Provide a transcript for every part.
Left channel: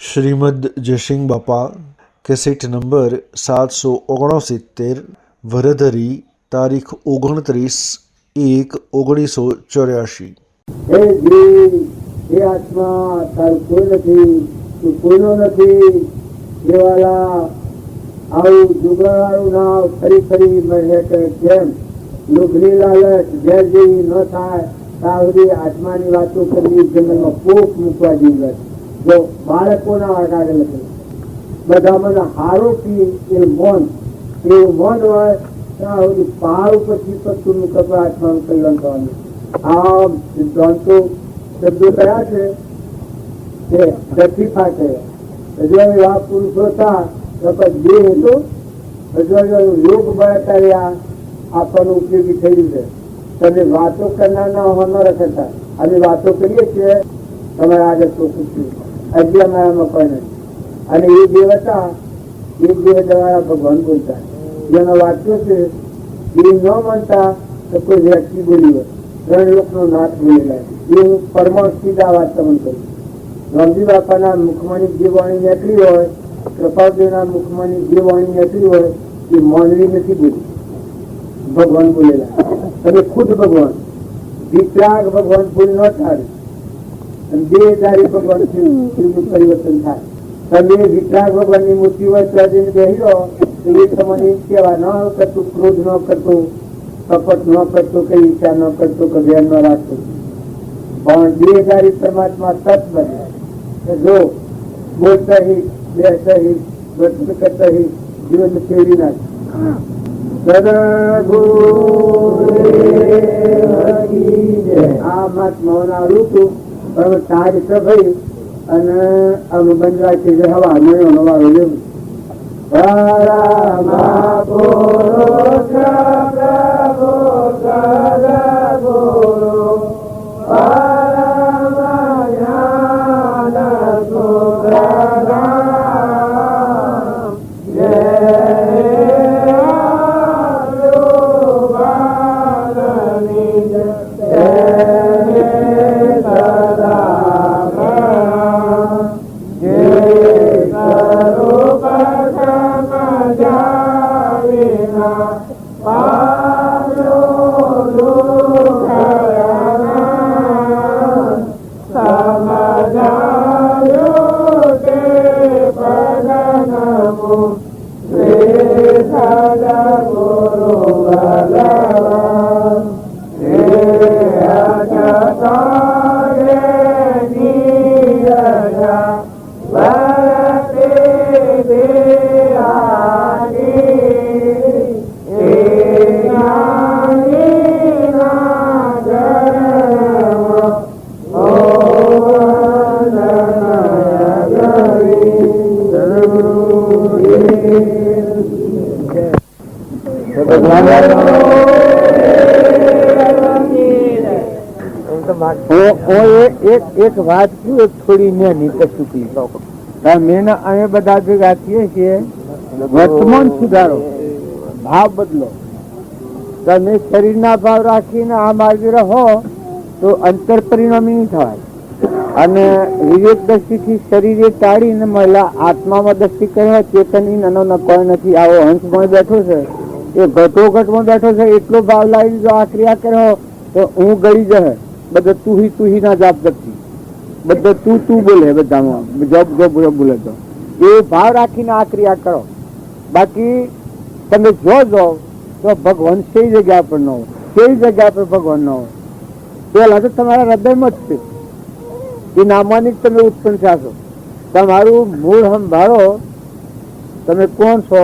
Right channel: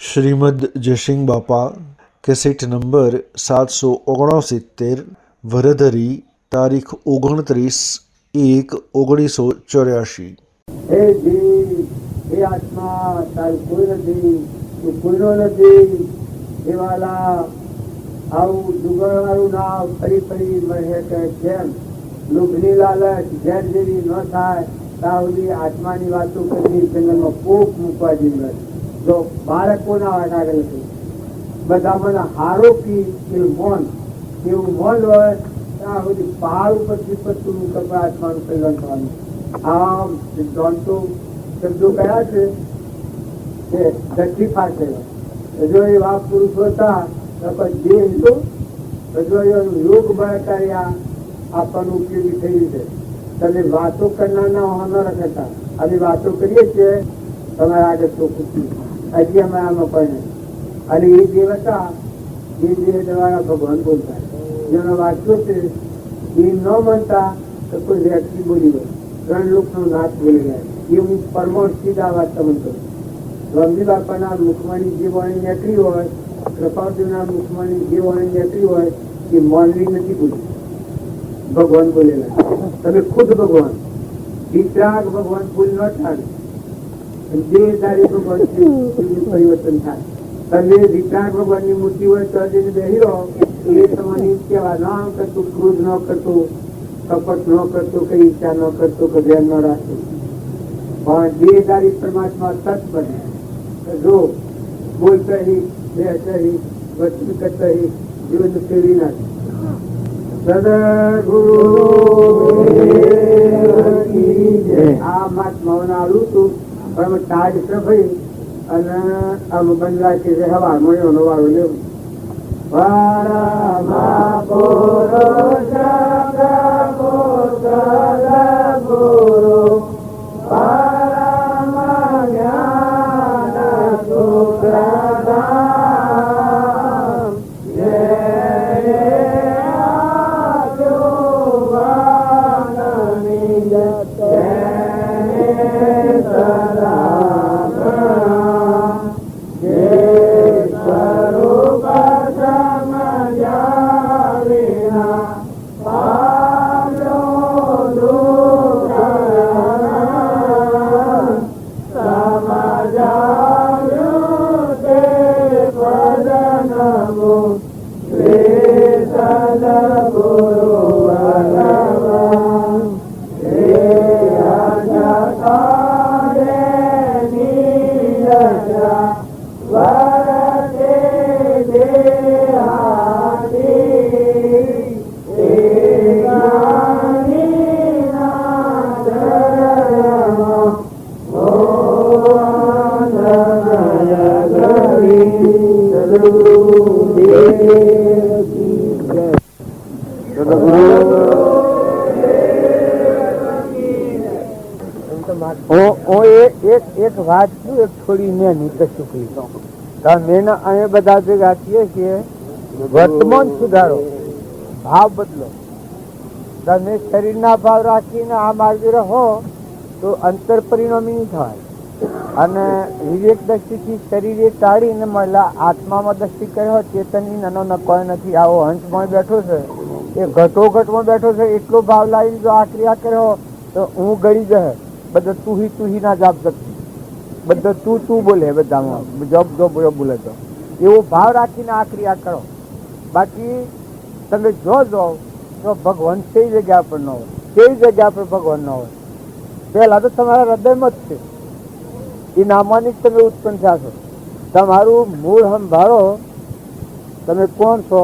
શ્રીમદ જયસિંહ બાપા cassette number 769 વરધરી તારીખ 29/1/1984। હે જીવ, હે આત્મા, તારું કોઈ નથી, તું કોઈનો નથી. દેવાલા આવું દુગણવાળું નાવ ફરી ફરી મળે કે જેમ લોભની લાલચ ઘેર જેવી ન થાય ત્યાં સુધી આત્માની વાતો કરવી જંગલમાં કોક મૂકવા જેવી. જો બાળકોના આગળ નથી, બધા મને હારો કી એ મૌન, એવું મૌન હોય ત્યાં સુધી પહાડ ઉપરથી પત્તું મૂકવા આત્માનું કલ્યાણ કરવાનું. આ સિદ્ધાંતો શબ્દો કયા છે કે ગતિફા કહેવાય. જે એવા પુરુષો હતા દેહ હતો યોગ બળ કર્યા આપણને ઉપયોગી થઈ છે. તમે વાતો કરનારના હો ન રખતા, અમે વાતો કરીએ છીએ તમારા આગળ ચોખ્ખું છું, હજી અમારામાં કોઈ નથી. અને એ દેહ હતા એ દેહ દ્વારા ભગવાન બોલતા, જેનો વાક્યો છે એ ન માનતા તો કોઈ વ્યક્તિ બોલી હોય, 3 લોકનો નાથ બોલેલા એ હું પરમાણુથી જ આ વાત તમને કરું. રામજી બાપાના મુખમાંની જે વાણી નીકળી હોય, કૃપાદેવના મુખમાંની જે વાણી નીકળી હોય એ માનવી નથી બોલી, ભગવાન બોલેલા. તમે ખુદ ભગવાન વિતરાગ ભગવાન ભૂલ ન થાય, દેહધારી ભગવાન શિવનું પરિવર્તન થાય. તમે વિતરાગ ભગવાનની મૂર્તિ હોય તો બેસી રહો તો એ તમને કેવા ન કરતું, ક્રોધ ન કરતો, કપટ ન કરતો, કઈ ઈચ્છા ન કરતો, કે ધ્યાન ન રાખતો. પણ દેહધારી પરમાત્મા તત્ બને. જો બોલતા હિત, બેસતા હિત, વર્તન કરતા હિત, જીવન ફેરવી નાખે. આ મહાત્માઓને આવું હતું પણ તાજ ભાઈ અને આમ બંધ રાખી છે. હવા મહિનો વાળો લેવું એક વાત થોડી મેં શુકલી મેં અમે બધા ભેગા થઈએ છીએ. વર્તમાન સુધારો, ભાવ બદલો. તમે શરીરના ભાવ રાખીને આ માર્ગે રહો તો અંતર પરિણામી નહીં થવાય. અને વિવેક દ્રષ્ટિથી શરીરે ટાળીને મહિલા આત્મામાં દ્રષ્ટિ કરે, ચેતન નાનો કોઈ નથી. આવો હંસમાં બેઠો છે, એ ઘટોઘટમાં બેઠો છે, એટલો ભાવ લાવીને જો આ ક્રિયા કર્યો તો હું ગળી જશે. બધા તું ના જાપ જતી, બધા તું બોલે, બધામાં જોબ બોલે તો એવો ભાવ રાખીને આ ક્રિયા કરો. બાકી તમે જો તો ભગવાન કઈ જગ્યા પર ન હોય, કઈ જગ્યા પર ભગવાન ન હોય. પેલા તો તમારા હૃદયમાં જ છે, એ નામાની જ તમે ઉત્પન્ન થયા છો. તમારું મૂળ સંભાળો, તમે કોણ છો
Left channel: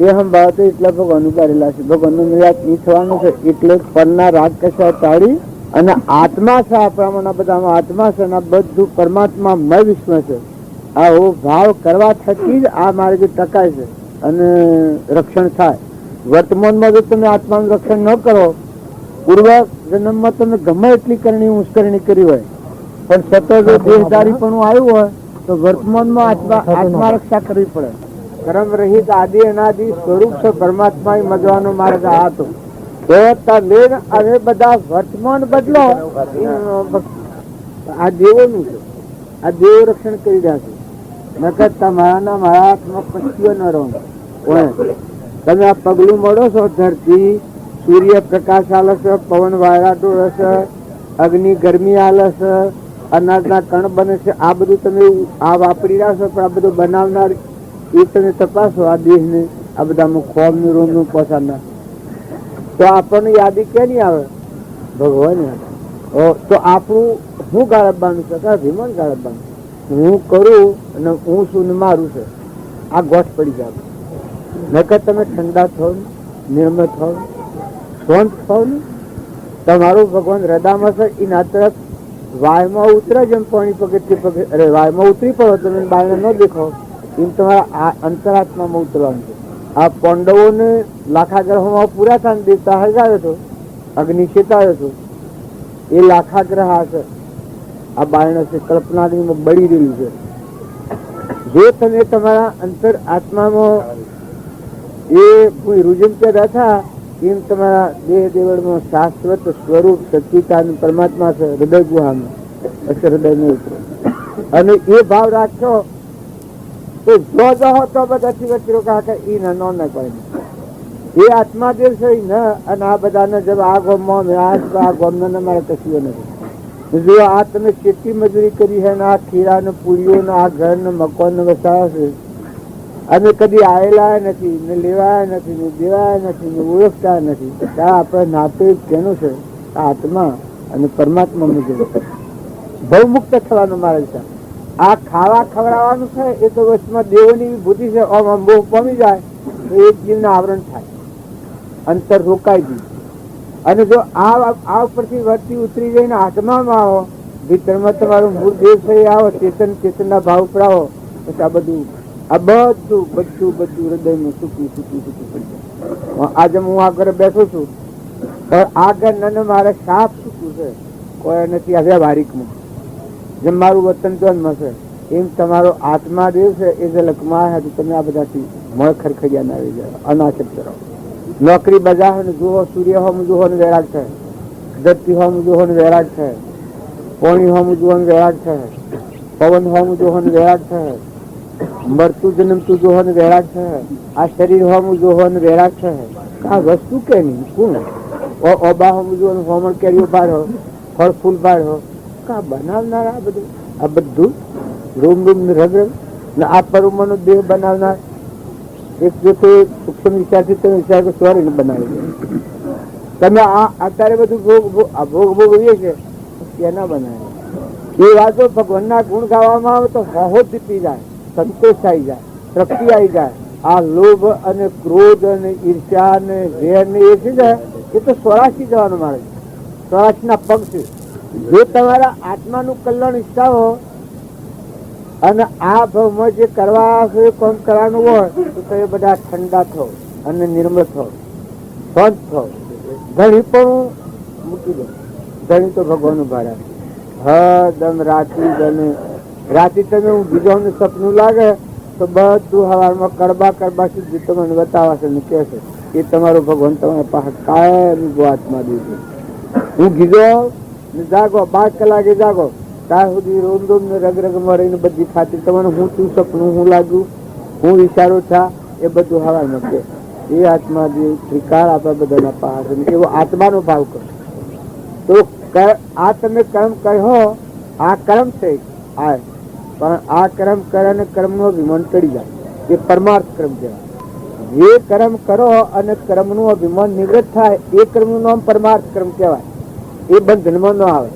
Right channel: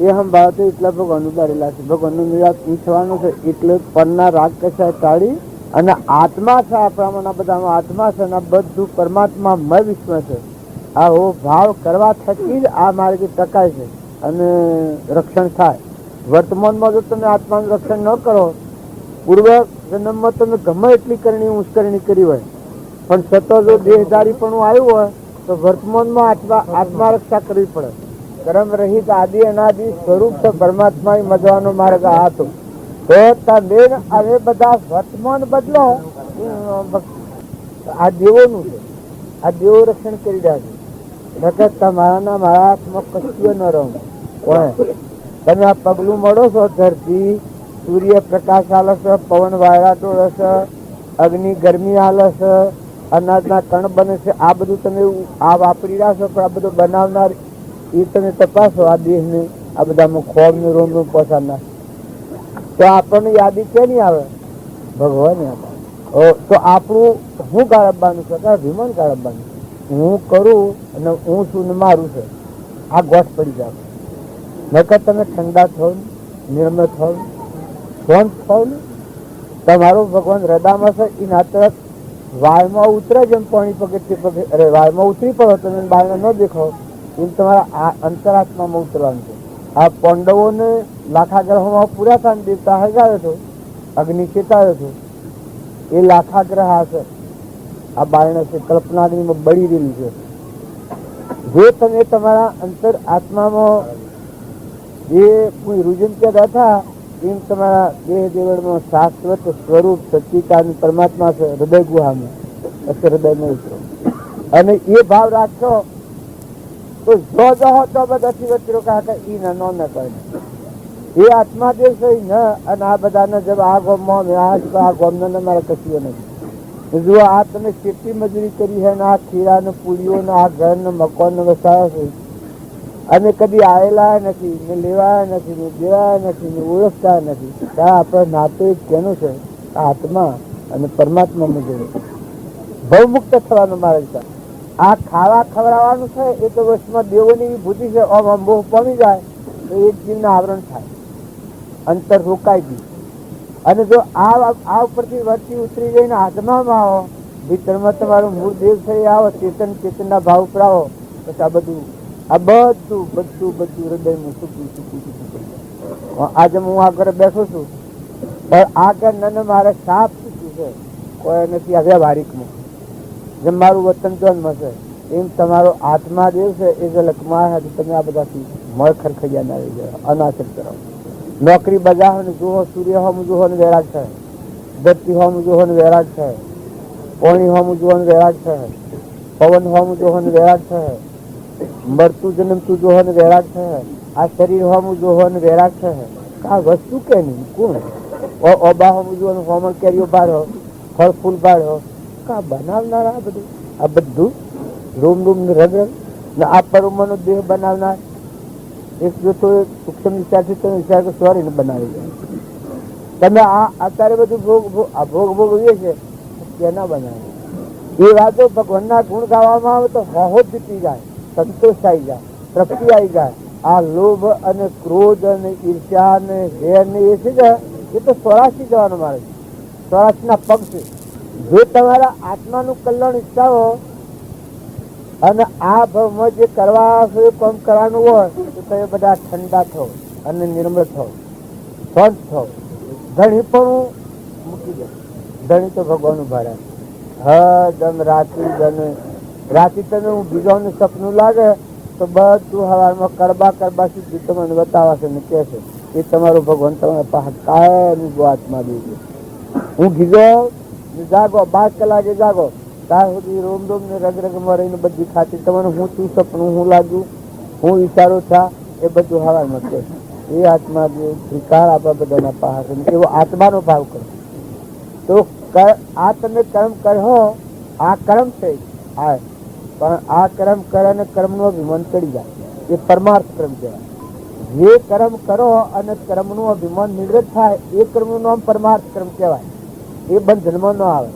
એ સંભાળો તો એટલા ભગવાન ઉગારેલા છે. ભગવાનનું નિરાત એ થવાનું છે. એટલે પરના રાગ કશા ટાળી અને આત્મા છે, આપણામાં બધામાં આત્મા છે, બધું પરમાત્મા મય વિશ્વ છે. આવો ભાવ કરવા થકી જ આ માર્ગે ટકાય છે અને રક્ષણ થાય. વર્તમાનમાં જો તમે આત્માનું રક્ષણ ન કરો, પૂર્વ જન્મમાં તમે ગમે એટલી કરણી ઉશ્કરણી કરી હોય પણ સતત જો દેહધારી પણ આવ્યું હોય તો વર્તમાનમાં આત્મા રક્ષા કરવી પડે. કર્મ રહિત આદિ અનાદિ સ્વરૂપ છે પરમાત્મા મજવાનો માર્ગ આ હતો. હવે બધા વર્તમાન બદલો, આ દેવોનું છે, આ દેવો રક્ષણ કરી રહ્યા છે. નકર તમારા મારા હાથમાં પછીઓ ન રહો. પણ તમે આ પગલું મળો છો, ધરતી સૂર્ય પ્રકાશ આલે છે, પવન વાયરાટો રહેશે, અગ્નિ ગરમી આલે છે, અનાજના કણ બને છે. આ બધું તમે આ વાપરી રહ્યા છો, પણ આ બધું બનાવનાર એ તમે તપાસો. આ દેશને આ બધામાં ખોબનું રોંદનું પોસાડનાર, તો આપણને યાદી ક્યાં નહીં આવે? ભગવાન તો આપણું હું ગાળબવાનું છે, વિમાન ગાળબવાનું હું કરું અને હું શું ને મારું છે, આ ગોઠ પડી જાય. નકર તમે ઠંડા થાવ, નિર્મળ થાવ, શાંત થાવ ને, તમારું ભગવાન હૃદયમાં છે. એના તરફ વાયમાં ઉતરે જેમ પાણી પગથિયે પગે, અરે વાયમાં ઉતરી પડો તમે બહાર ન દેખાવ, એમ તમારા અંતરાત્મામાં ઉતરવાનું છે. આ પાંડવોને લાખા ગ્રહોમાં પૂરા થાય, દેવતા હગાવ્યો હતો, અગ્નિ ચેતાવ્યો હતો, એ લાખા ગ્રહ હશે. આ બારણે છે કલ્પનાની બળી રહેલું છે. જો તમે તમારા અંતર આત્મામાં એ કોઈ રૂજમ કે બેઠા, એમ તમારા દેહ દેવળમાં શાશ્વત સ્વરૂપ સચ્ચિદાનંદ પરમાત્મા છે. હૃદય ગુહામાં હૃદય ને ઉતરે અને એ ભાવ રાખશો તો જો હો તો બધાથી વચ્ચે કાકા ઈ ન કોઈ એ આત્મા જે છે ન. અને આ બધાને જब આ ગમમાં આ ગમને મારે કશું નથી. જો આ તમે કેટલી મજૂરી કરી છે ને, આ ખીરા ને પૂરીઓ ને આ ઘર ને મકાન ને વસાવ્યા છે, અને કદી આવેલા નથી ને લેવાયા નથી ને દેવાયા નથી ને ઓળખતા નથી. ત્યાં આપણે નાતે કેનું છે? આત્મા અને પરમાત્મા મુજબ ભવમુક્ત થવાનું મારે છે. આ ખાવા ખવડાવવાનું છે એ તો વચમાં દેવોની બુદ્ધિ છે. આમ બહુ પામી જાય તો એક જીવના આવરણ થાય, અંતર રોકાઈ ગયું. અને જો આ પરથી વર્તી ઉતરી જઈને આત્મામાં આવો, ભીતરમાં તમારું મૂળ દેવ છે આવો, ચેતનના ભાવ પર આવો, પછી આ બધું હૃદયમાં સૂકી પડી જાય. આજે હું આગળ બેઠો છું, પણ આગળ ને મારે સાફ સૂક્યું છે, કોઈ નથી આ વ્યવહારિકમાં. જેમ મારું વતન જોનમાં છે, એમ તમારો આત્મા દેવ છે એ ઝલકમાં તમે આ બધાથી મળ ખરખડિયા ના આવી જાય, અનાચર કરો. નોકરી બજાવો ને જુઓ, સૂર્ય હોમ જુઓ ને વૈરાગ થાય, ધરતી હોમ જુઓ ને વૈરાગ થાય, પાણી હોમ જુઓ ને વૈરાગ થાય, પવન હોમ જુઓ ને વૈરાગ થાય, મરતું જન્મતું જોહો ને વૈરાગ થાય, આ શરીર હોમ જોહો ને વૈરાગ થાય. આ વસ્તુ કે નહીં કોણ ઓબા હોમ જો હોમણ કેરીઓ બાળો, ફળ ફૂલ બાળો, કા બનાવનાર આ બધું રૂમ રૂમ ને રગ ને આ પરમાણુ દેહ બનાવનાર એક જો સૂક્ષ્મ વિચારથી તમે વિચાર કે સ્વર્ગ બનાવી દે. તમે આ અત્યારે બધું ભોગ ભોગવીએ છે કેના બનાવે? એ વાતો ભગવાનના ગુણ ગાવામાં આવે તો બહુ જીતી જાય, સંતોષ આવી જાય, તૃપ્તિ આવી જાય. આ લોભ અને ક્રોધ અને ઈર્ષ્યા ને વેર ને એ છે જાય એ તો સ્વરાશી જવાનું મારે, સ્વરાશી ના પગ છે. જો તમારા આત્માનું કલ્યાણ ઈચ્છા હો અને આ ભાવમાં જે કરવા હોય કામ કરવાનું હોય તો તમે બધા ઠંડા થો અને નિર્મળ થો, શાંત થો. ધણી પણ મૂકી દો, ધણી તો ભગવાન ભાડા હદમ રાતી તમે બીજાનું સપનું લાગે તો બધું હવામાં કડબા સુધી તમને બતાવશે ને કહેશે એ તમારું ભગવાન તમારા પાસે કાયમ આત્મા દીધું. હું ગીધો ને જાગો 5 કલાકે જાગો ત્યાં સુધી રોમ રોમ ને રગમાં રહીને બધી ખાતી તમને હું શું સપનું હું લાગ્યું હું વિચારું થા એ બધું હવામાં કે એ આત્મા દેવ શ્રીકાર આપણા બધાના પાસે એવો આત્માનો ભાવ કરો તો આ તમે કર્મ કહો આ કર્મ છે આ, પણ આ કર્મ કરે અને કર્મનો અભિમાન ચડી જાય એ પરમાર્થ કર્મ કહેવાય. જે કર્મ કરો અને કર્મનું અભિમાન નિવૃત્ત થાય એ કર્મનું નામ પરમાર્થ કર્મ કહેવાય. એ બંધનમાં ન આવે.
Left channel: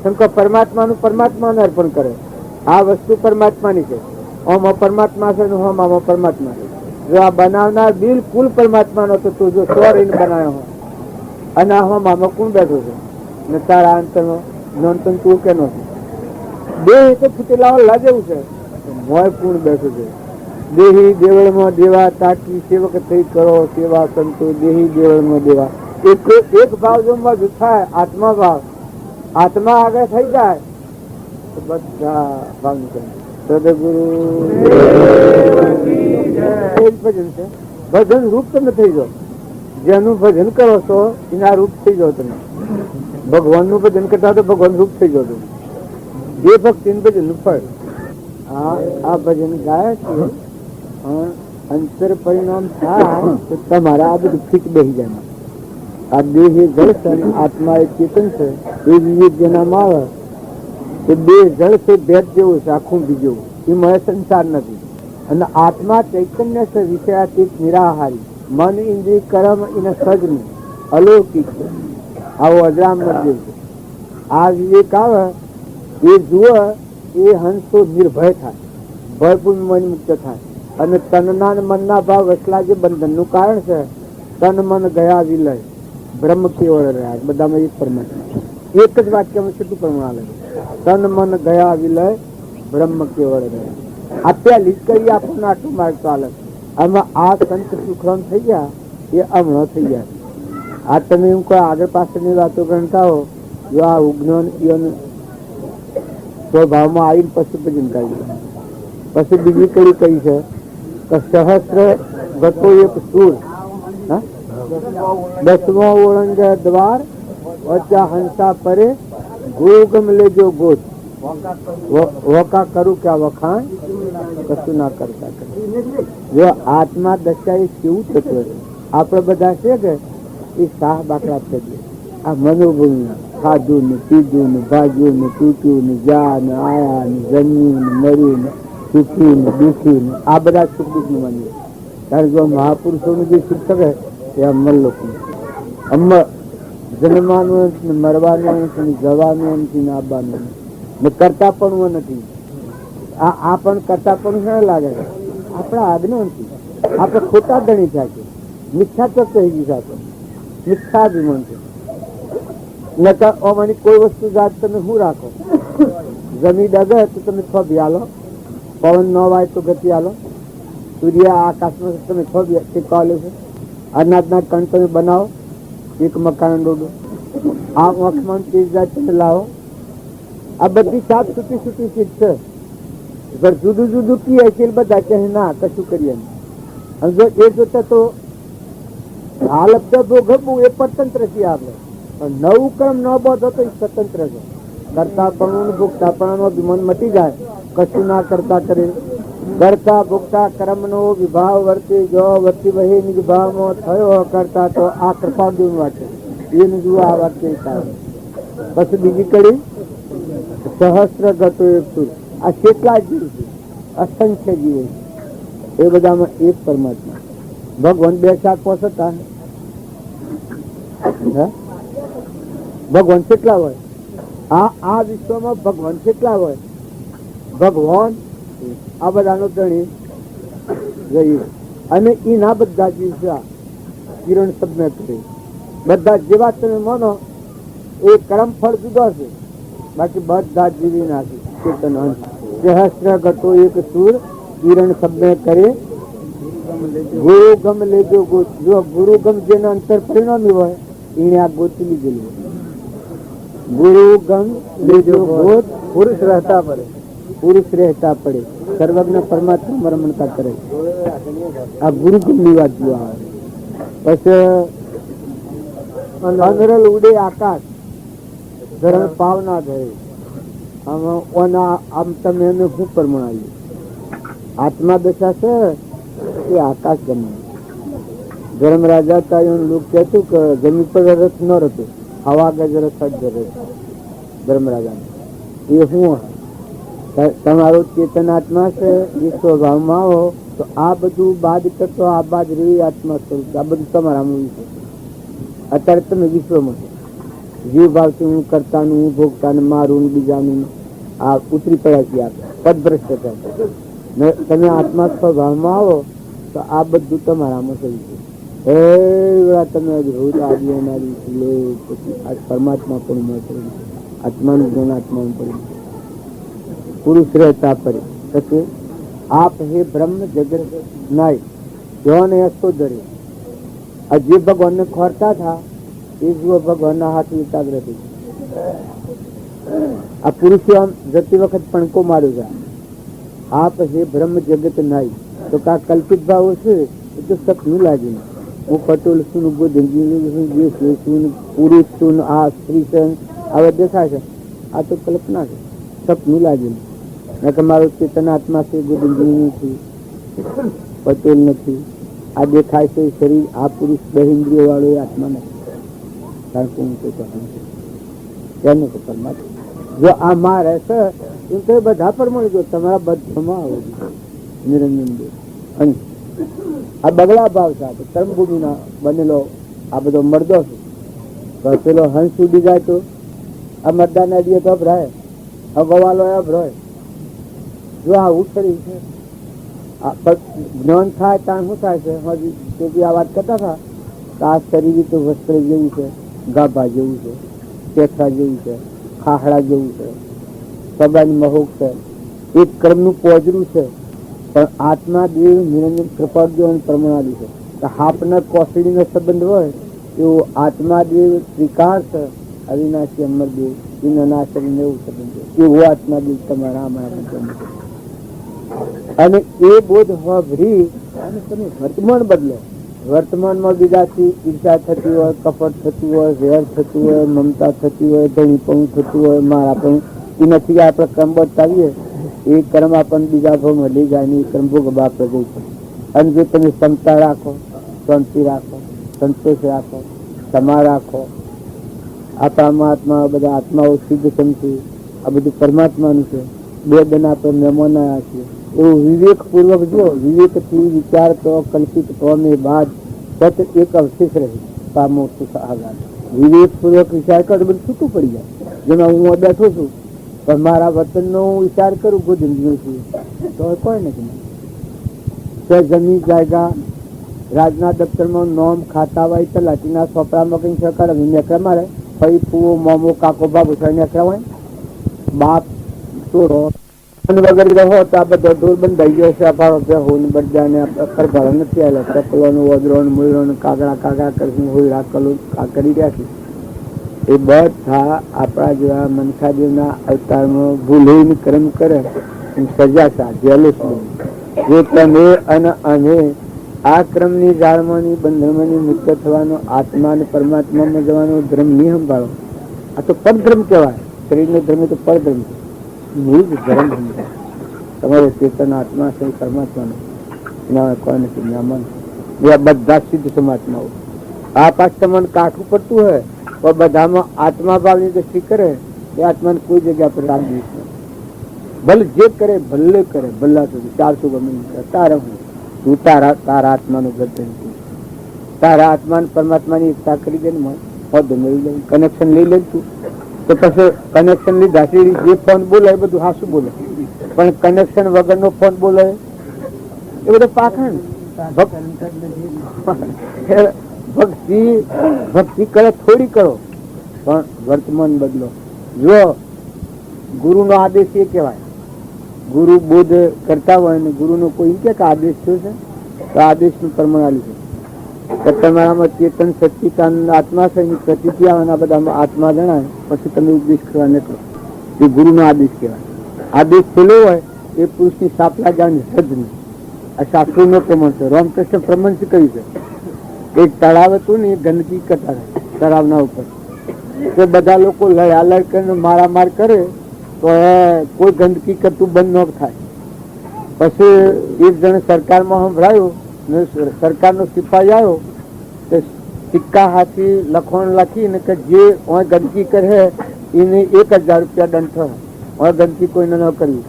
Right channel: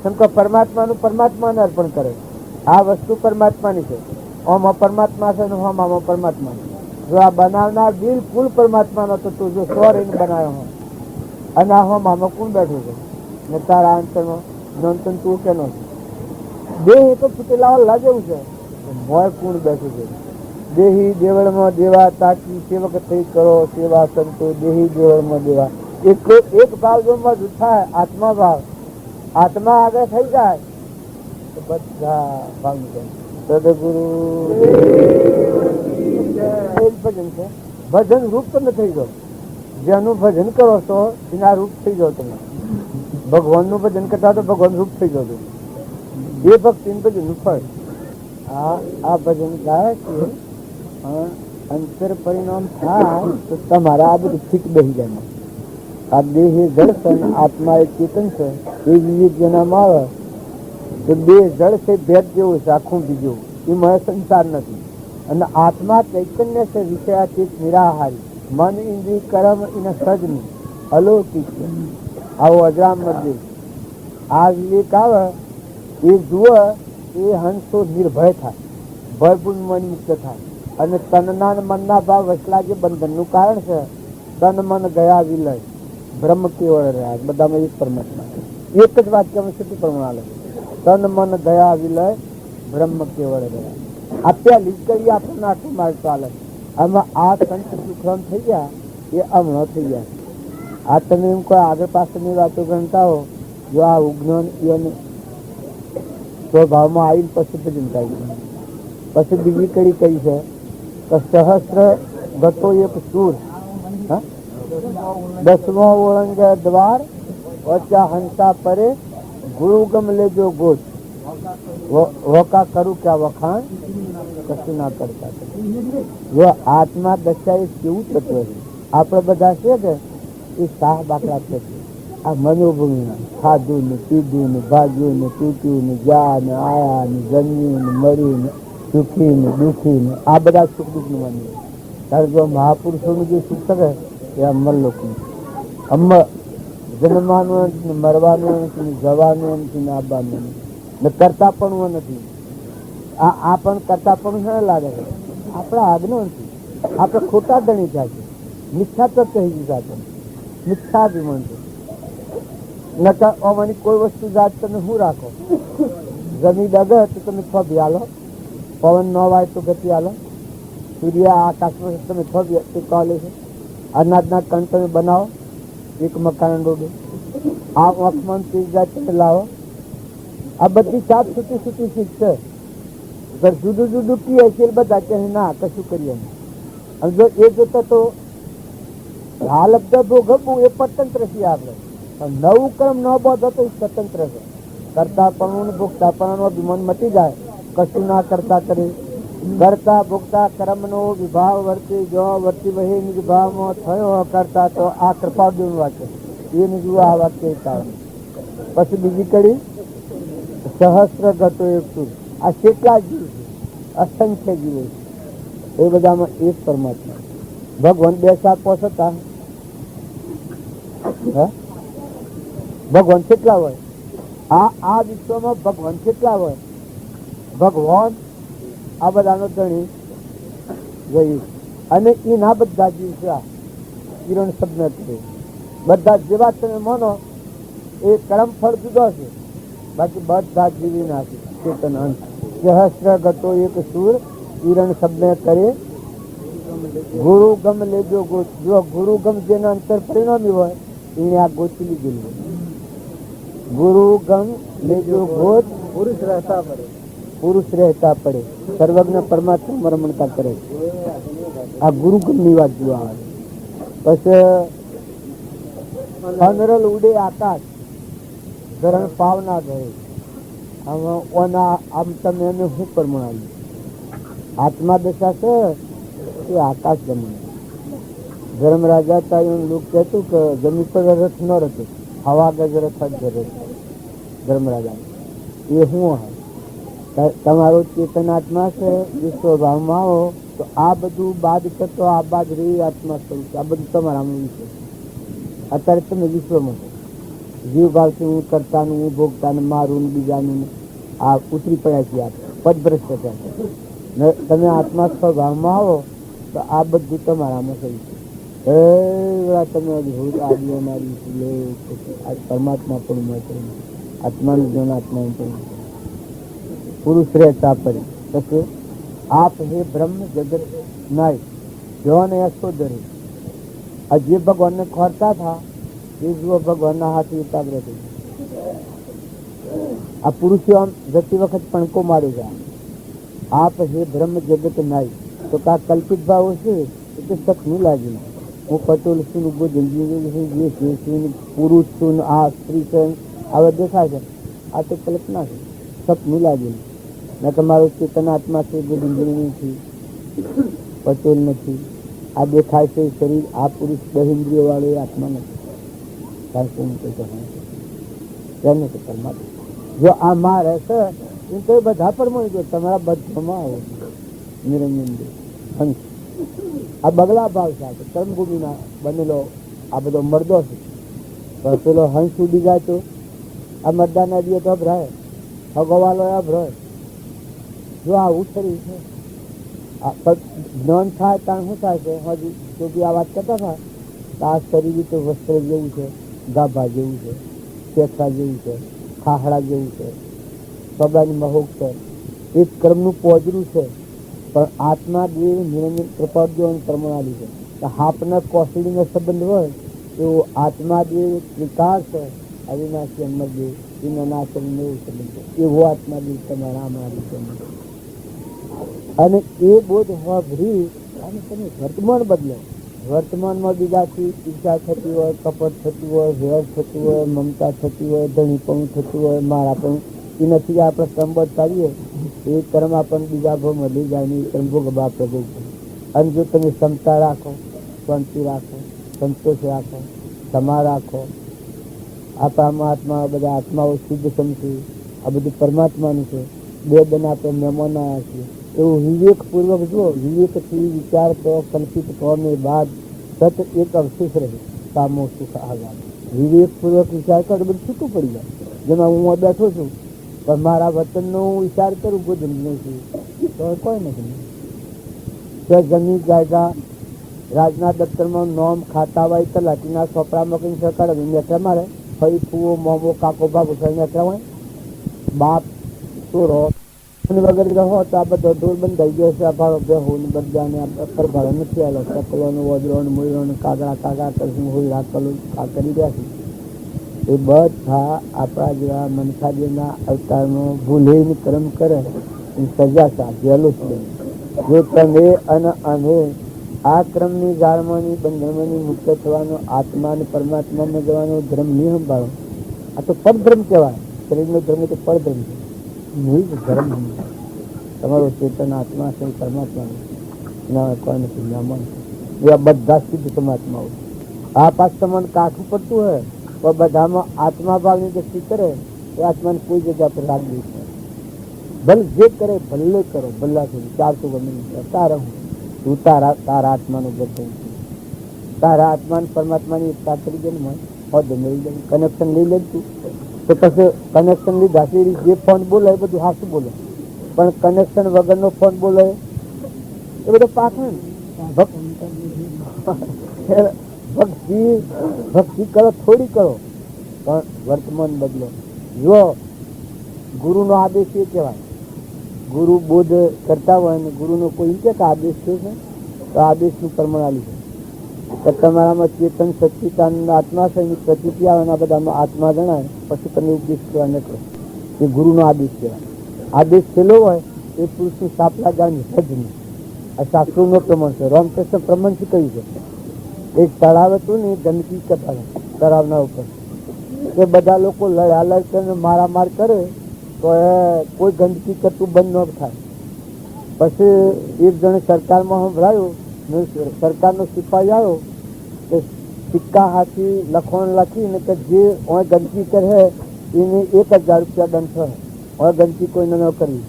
શંકર પરમાત્માનું પરમાત્માને અર્પણ કરે. આ વસ્તુ પરમાત્માની છે, ઓમાં પરમાત્મા છે, આમાં પરમાત્મા છે. જો આ બનાવનાર બિલકુલ પરમાત્માનો તો તું જો સોરીને બનાવ્યો હોય અને આ હોમાં કોણ બેઠું છે ને તારા અંતરમાં નોંધન તું કે નથી. દેહ તો ફૂટેલા લાગેવું છે, મોય પૂર્ણ બેઠું છે. દેહી દેવળમાં દેવા તાકી સેવક થઈ કરો સેવા સંતો દેહી દેવળમાં દેવા. એક ભાવ જો મજબૂત થાય આત્મા ભાવ, આત્મા આગળ થઈ જાય તો બધા ભાવ સદગુરુ ભજન છે. ભજન રૂપ તમે થઈ જાઓ, જેનું ભજન કરો છો એના રૂપ થઈ જાઓ તમે. ભગવાન નું ભજન કરતા તો ભગવાન રૂપ થઈ જાઓ તમે. એ ભક્તિ ભજન નું ફળ આ ભજન ગાયા છે અંતર પરિણામ થાય તો તમારા આ બધું ફીટ બેસી જાય. આ દેહ એ જળ છે અને આત્મા એ ચેતન છે. એ વિવેક જેનામાં આવે એ બે જળ છે, ભેદ જેવું છે, આખું બીજું એમાં સંસાર નથી. અને આત્મા ચૈતન્ય છે, વિષયાતીત નિરાહારી, મન ઇન્દ્રિય કર્મ એને સજનું અલૌકિક છે. આવો અજરામ દેવ છે. આ વિવેક આવે એ જુએ એ હંસો નિર્ભય થાય, ભયભૂમ મન મુક્ત થાય. અને તનના મનના ભાવ વસલા જે બંધનનું કારણ છે, તન મન ગયા વિલય બ્રહ્મ કેવળ રહ્યા, બધામાં એક પરમાત્મા, એક જ વાક્યમાં છૂટું પ્રમાણ લે. તન મન ગયા વિલય બ્રહ્મ કેવળ રહ્યા. આ પહેલી જ કરી આપણને આટલું માર્ગ ચાલે. આમાં આ સંત સુખરામ થઈ ગયા એ અમણો થઈ ગયા. આ તમે એમ કોઈ આગળ પાછળની વાતો ગણતા હો, જો આ ઉજ્ઞાન સ્વભાવમાં આવીને પશુ ભજન કરી. પછી બીજી કડી કઈ છે સહસ્ર ગતો એક સુર, 10મા ઓળંગ્યા દ્વાર વચ્ચા હંસા પરે ગોગમ લેજો ગોત વકા કરું ક્યાં વખાણ કશું ના કરતા. જો આત્મા દશા એ કેવું તત્વ છે. આપડે બધા છે કે એ શાહ બાકડા થઈ ગયા. આ મનોભૂમિ ખાધું ને પીધું ને ભાગ્યું ને તૂટ્યું ને જા ને આયા ને જમ્યું ને મર્યું ને સુખી ને દુઃખી ને આ બધા સુખ દુઃખ ને માનીએ. કારણ કે મહાપુરુષોનું જે સુખ કરે એ અમને લોકો અમને જન્મવાનું નથી, મરવાનું નથી, જવાનું નથી, આવવાનું ને કરતા પણ નથી. આ પણ કરતા પણ ના લાગે આપણા આજ્ઞા નથી. આપણે ખોટા ગણી થાય છે, મિથ્યા તો થઈ ગયું છે. આપણે મિથ્યા જ નથી. નકર ઓમાની કોઈ વસ્તુ જાત તમે શું રાખો? જમીન ડગે તો તમે ખોબી આલો, પવન ન વાય તો ગતિ આલો, સૂર્ય આકાશમાં તમે ખોબી ટેકવા લે છે. અનાજના કણ તમે બનાવો, એક મકાન ડોડો, આ આંખમાં તેજ જાત તમે લાવો. આ બધી સાત છૂટી છૂટી ચીજ છે. જુદું જુદું પીએ છે બધા કહે ના કશું કરીએ નહીં. અને જો એ જોતા તો હાલત ભોગવવું એ સ્વતંત્ર છે. આપણે નવું કર્મ ન બાંધો તો એ સ્વતંત્ર છે. કરતા પણ ભોગતા પણ મન મટી જાય, કશું ના કરતા કરે. કરતા ભોગતા કર્મ નો વિભાવ વર્તે જો વર્તી વહે નિભાવ થયો કરતા તો આ કરતા દૂર વાંચે એને જુઓ આ વાક્ય થાય. પછી બીજી કડી સહસ્ર ગતો એક સુર. આ કેટલા જીવ છે? અસંખ્ય જીવો છે. એ બધામાં એક પરમાત્મા ભગવાન બે સાત પોસતા ભગવાન કેટલા હોય? આ વિશ્વમાં ભગવાન કેટલા હોય? ભગવાન આ બધાનો ધણી ગયું. અને એના બધા જીવ છે કિરણ સબને કરી બધા જેવા તમે માનો એ કર્મ ફળ જુદો છે, બાકી બધા જીવી નાખી ચેતન અંશ. સહસ્ર ગતો એક સુર કિરણ સબને કરે ગુરુ ગમ લેજો ગોત. જો ગુરુ ગમ જેને અંતર પરિણામી હોય એને આ ગોતી લીધેલું. ગુરુ ગમ લેજો ગોત પુરુષ રહેતા પડે, પુરુષ રહેતા પડે સર્વજ્ઞ પરમાત્મા રમણતા કરે. આ ગુરુ ગમ ની વાત જો આવે. પછી અંધરલ ઉડે આકાશ ધરણ પાવના ગયે. આમ તમે એને શું પરમાણ્યું? આત્મા દશા છે એ આકાશ ગમે. ધર્મરાજા તાયું લોક કહેતું કે જમીન પર રથ ન રહેતું, હવા ગજ રથ જ રહે. ધર્મરાજા એ શું તમારો ચેતનાત્મા છે એ સ્વભાવમાં આવો તો આ બધું બાદ કરતો આ બાદ રહી આત્મા સ્વરૂપ આ બધું તમારામાં વિશ્વ. અત્યારે તમે વિશ્વમાં જીવ ભાવથી હું કરતા નહીં, હું ભોગતા ને મારું બીજાનું આ ઉતરી પડ્યા છીએ. આ પદભ્રષ્ટ છે. તમે આત્મા સ્વભાવમાં આવો તો આ બધું તમારામાં થયું છે. તમે પરમાત્મા પણ મળે, આત્માનું જ્ઞાન આત્મા પડે, પુરુષ રહેતા પડે. પછી આપ હે બ્રહ્મ જગત નાય જવાને યશોદરે. આ જે ભગવાનને ખોરતા હતા એ જુઓ ભગવાનના હાથ એકાગ્ર થઈ. આ પુરુષે આમ જતી વખત પણકો માર્યો છે. આપ હે બ્રહ્મ જગત નાય તો કા કલ્પિત ભાવો છે એ તો સપનું લાગ્યું. હું પટોલ છું, ગોધંજી છું, પુરુષ છું, આ સ્ત્રી છે, હવે દેખાય છે. આ તો કલ્પના છે, સપનું લાગ્યું. ને કે મારું ચેતન આત્મા છે, ગોવિંદજી નથી, પટેલ નથી. આ દેખાય છે શરીર, આ પુરુષ બહિન્દ્રિય વાળો એ આત્મા નથી. કારણ કે હું કોઈ નથી તેને તો પરમાત્મા. જો આ માં રહેશે એમ તો બધા પર મળી ગયો. તમારા બધામાં આવે નિરંજન દેવ અંશ. આ બગલા ભાવ છે, આપણે કર્મભૂમિના બનેલો આ બધો મરદો છે. તો પેલો હંસ ઉડી જાય તો આ મરદા ના દિયે તો અભરાય, ગવાલો અભરાય. જો આ ઉછળી છે, જ્ઞાન થાય ત્યાં શું થાય છે? આ વાત કરતા હતા તો આ શરીર તો વસ્ત્ર જેવું છે, ગાભા જેવું છે, પેથા જેવું છે, ખાહડા જેવું છે, સબાની મહોક છે, એક કર્મનું પોજરું છે. પણ આત્મા દેવ નિરંજન કૃપાદેવ અને પરમાણુ છે. હાપના કોસડીનો સંબંધ હોય એવો આત્મા દેવ ત્રિકાર છે, અવિનાશી અમરદેવ એના શરીરને એવું સંબંધ છે. એવો આત્મા દેવ તમારા અને એ બોધ ભરી અને તમે વર્તમાન બદલે. વર્તમાનમાં બીજાથી ઈર્ષા થતી હોય, કપટ થતું હોય, વેર થતું હોય, મમતા થતી હોય, ધણીપણું થતું હોય, મારાપણું, એ નથી આપણે કર્મ બતાવીએ એ કર્મ આપણને બીજા ભાવમાં લઈ જાય ને એ કર્મ ભોગવવા પ્રગટ છે. અને જો તમે ક્ષમતા રાખો, શાંતિ રાખો, સંતોષ રાખો, ક્ષમા રાખો, આપણા આત્મા બધા આત્માઓ સિદ્ધ સમજુ, આ બધું પરમાત્માનું છે. બે દના તો મહેમાન આવ્યા છીએ એવું વિવેક પૂર્વક જો વિવેકથી વિચાર કરો, કલ્પિત પ્રમે બાદ સત એક અવશેષ રહી કામો સુખાગાર. વિવેક પૂર્વક વિચાર કરો બધું છૂટું પડી જાય. જેમાં હું બેઠો છું પણ મારા વતનનો હું વિચાર કરું ગોધમનું છું તો કોઈ નથી. જમીન જાયગા રાજના દફતરમાં નોમ ખાતા હોય તલાટીના છોકરામાં કઈ સરકાર નેકરા મારે ફઈ ફૂવો મોમો કાકો બાબુ નેકરા હોય બાપ ચોરો વગર રહો તો આ બધો ઢોલ બંધાઈ ગયો છે. અભાવ હોને બધાને કરભળ નથી આવેલા ચપલોનું વદરોનું મૂળોનું કાગડા કાગડા કરીને હોય રાખેલું આ કરી રહ્યા છે. એ બધા આપણા જેવા મનસાદેવના અવતારમાં ભૂલીને કર્મ કરે સજા છે. જેલુસ જો તમે અને અમે આ ક્રમની જાળમાંની બંધનમાંની મુક્ત થવાનો, આત્મા અને પરમાત્મામાં જવાનો ધર્મ નહીં સંભાળો. આ તો પરધર્મ કહેવાય. શરીરનો ધર્મ તો પરધર્મ છે. મૂળ ધર્મ સમજાય. તમારે ચેતન આત્મા છે પરમાત્માનો ના કોઈ નથી જ્ઞાન એ બધા સિદ્ધ સમાત્માઓ. આ પાછ તમને કાઠું પડતું હોય તો બધામાં આત્મા ભાવની દ્રષ્ટિ કરે એ આત્માને કોઈ જગ્યા પર રાગ નહીં. ભલે જે કરે ભલે કરે ભલ્લા સુધી 400 ગમે તારા તું તારા આત્માનું ગર્જન છે. તારા આત્મા પરમાત્માની એકતા કરી દે ને પદ મળી જાય, કનેક્શન લઈ લે તું. તો પછી કનેક્શન લીધા જે ફોન બોલે એ બધું હાસું બોલે, પણ કનેક્શન વગરનો ફોન બોલે એ બધું પાખંડ. ભક્તિ કરે થોડી કરો પણ વર્તમાન બદલો. જો ગુરુનો આદેશ એ કહેવાય. ગુરુ બોધ કરતા હોય ને ગુરુનો કોઈ કે આદેશ થયો છે તો આદેશનું પ્રમાણ છે. તમારામાં ચેતન સચ્ચિદાનંદ આત્મા છે, પ્રતિતિ આવે બધામાં આત્મા જણાય પછી તમે ઉપદેશ કરવા નથી. એ ગુરુનો આદેશ કહેવાય. આદેશ છેલ્લો હોય એ પુરુષની સાપલા જાણી સદ નહીં. આ શાસ્ત્રોનો પ્રમાણ છે. રામકૃષ્ણ પ્રમાણ શું કહ્યું છે? એક તળાવ હતું ને ગંદકી કરતા તળાવના ઉપર તો બધા લોકો લડાલડ કરીને મારામાર કરે તો કોઈ ગંદકી કરતું બંધ ન થાય. પછી એક જણ સરકારમાં સંભળાયું, સરકારનો સિપાહી આવ્યો તો સિક્કા હાથી લખણ લખીને કે જે ગંદકી કરે એને 1000 રૂપિયા દંડ થયો. ગંદકી કોઈને ન કરવી.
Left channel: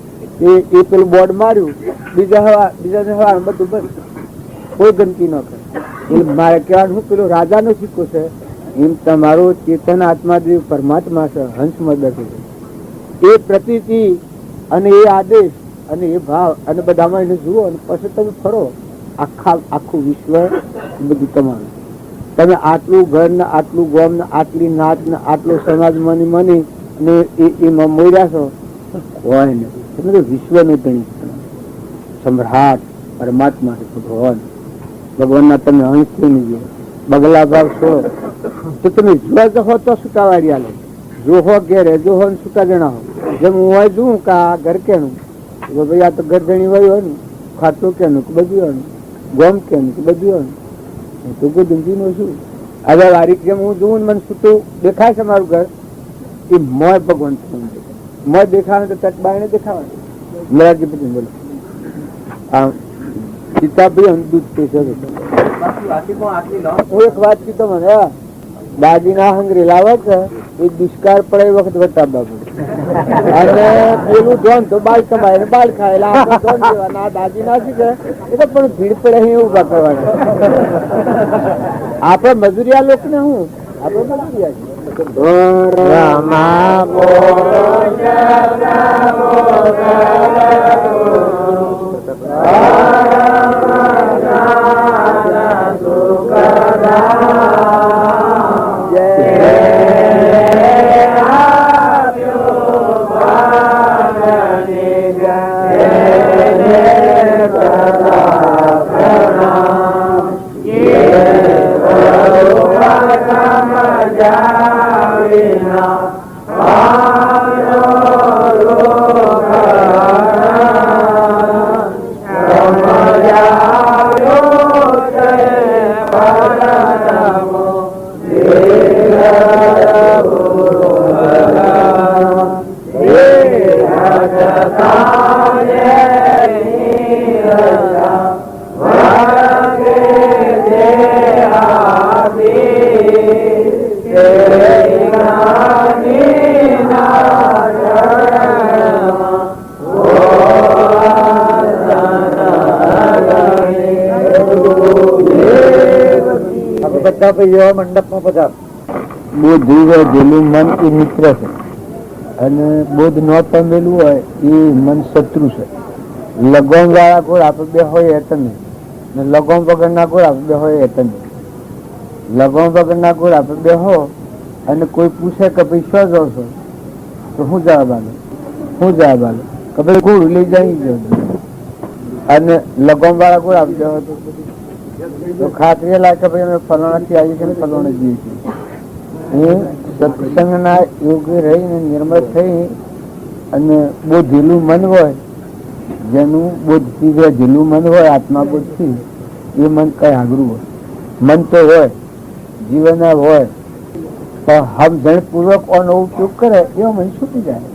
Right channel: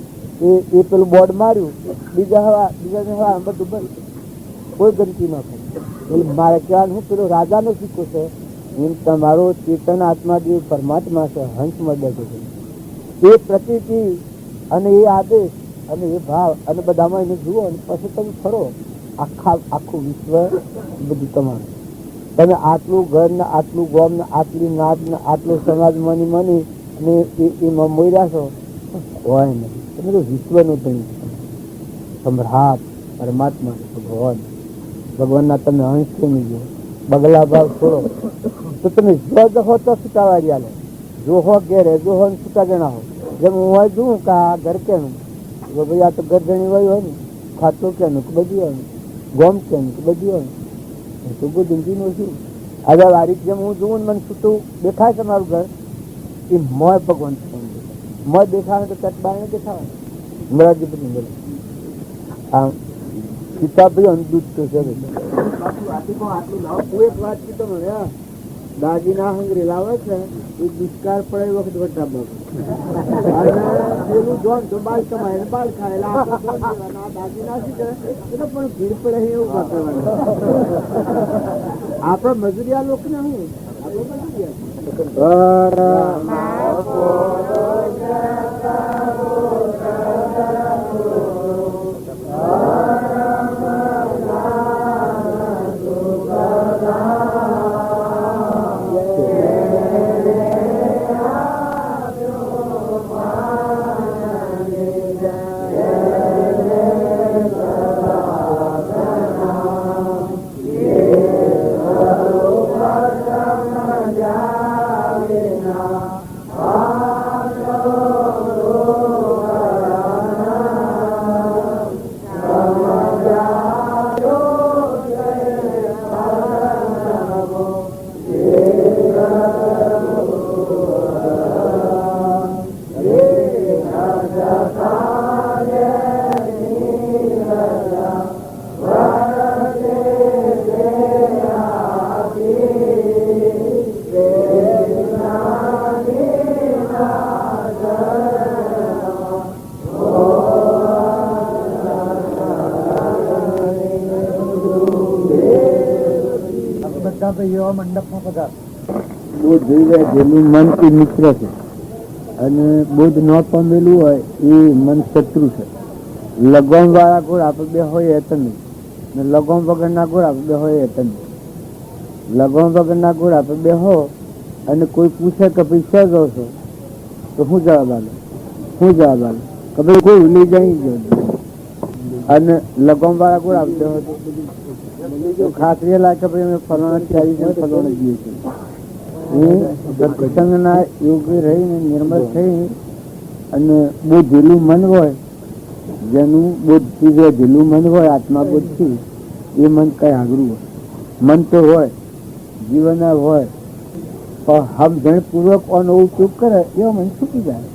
એ પેલું બોર્ડ માર્યું, બીજા બધું બંધ, કોઈ ગંદકી ન કરે. એટલે મારે કહેવાનું શું, પેલો રાજાનો સિક્કો છે એમ તમારો ચેતન આત્મા જે પરમાત્મા છે હંસમાં બેઠો છે. એ પ્રતીતિ અને એ આદેશ અને એ ભાવ અને બધામાં એને જુઓ અને પછી તમે ફરો. આખું વિશ્વ બધું તમારું. તમે આટલું ઘર ને આટલું ગોમ ને આટલી નાચ ને આટલો સમાજ મની ને એમાં મોર્યા છો હોય નથી. તમે તો વિશ્વને ગણી સમ્રાટ પરમાત્મા ભગવાનના તમે અંશ નહીં જો બગલા ભાવ છો તો તમે જોવા જહો તો સુકાવાળી આલે. જો હો ઘેરે જો હો સુકા જણાવો. જેમ હું હોય જોઉં કે આ ઘર કેનું ભાઈ આ તો ઘર જણી હોય હોય ને ખાટલું કેનું કે બધું હોય ને ગોમ કેનું કે બધું હોય ને એ તો કોઈ ધંધીનું શું. હવે વારીક જેમ હું જોઉં મને સુતું દેખાય છે મારું ઘર એ મોય ભગવાન મોય દેખાવાનું તો તટબાઈને દેખાવાનું મરાઠી પછી બોલો. હા, સીતાભાઈ અમદૂત પૈસા એક વાત કીધો મને, દાદી ના હંગરી લાવે છે એ દુષ્કાળ પડે એ વખત વટાવવા અને પેલું ધોન તો બાળ કમાય બાળ ખાય દાદી ના શીખે એ તો પણ ભીડ પડે અહીં ઉભા કરવાનું. આપડે મજૂરિયા લોકો ને હું આપડે મંડપ માં બધા બોધેલું મન એ મિત્ર છે અને બોધ ન પામેલું હોય એ મન શત્રુ છે. લગોમ વાળા ગોળ આપડે બે હોય એ તમે ને લગોમ વગર ના ગોળ આપડે બે હોય એ તમે. લગોમ વગર ના ગોળ આપડે બે હો અને કોઈ પૂછે કે ભાઈ શું જાવ છો તો શું જવાબ આલો કે ભાઈ ગોળ લઈ જાય જાવ. અને લગોમ વાળા ગોળ આપડે હોય તો ખાતરી લાગે ભાઈ અમે ફલાણા થી આવીએ છીએ ફલાણા જઈએ છીએ. સત્સંગ ના યોગ્ય રહીને નિર્મળ થઈ અને બહુ ઢીલું મન હોય, જેનું બોધથી ઢીલું મન હોય આત્મા બોધથી એ મન કઈ આગરું હોય. મન તો હોય જીવન હોય પણ સમજણ પૂર્વક નો ઉપયોગ કરે એવો મન છૂટી જાય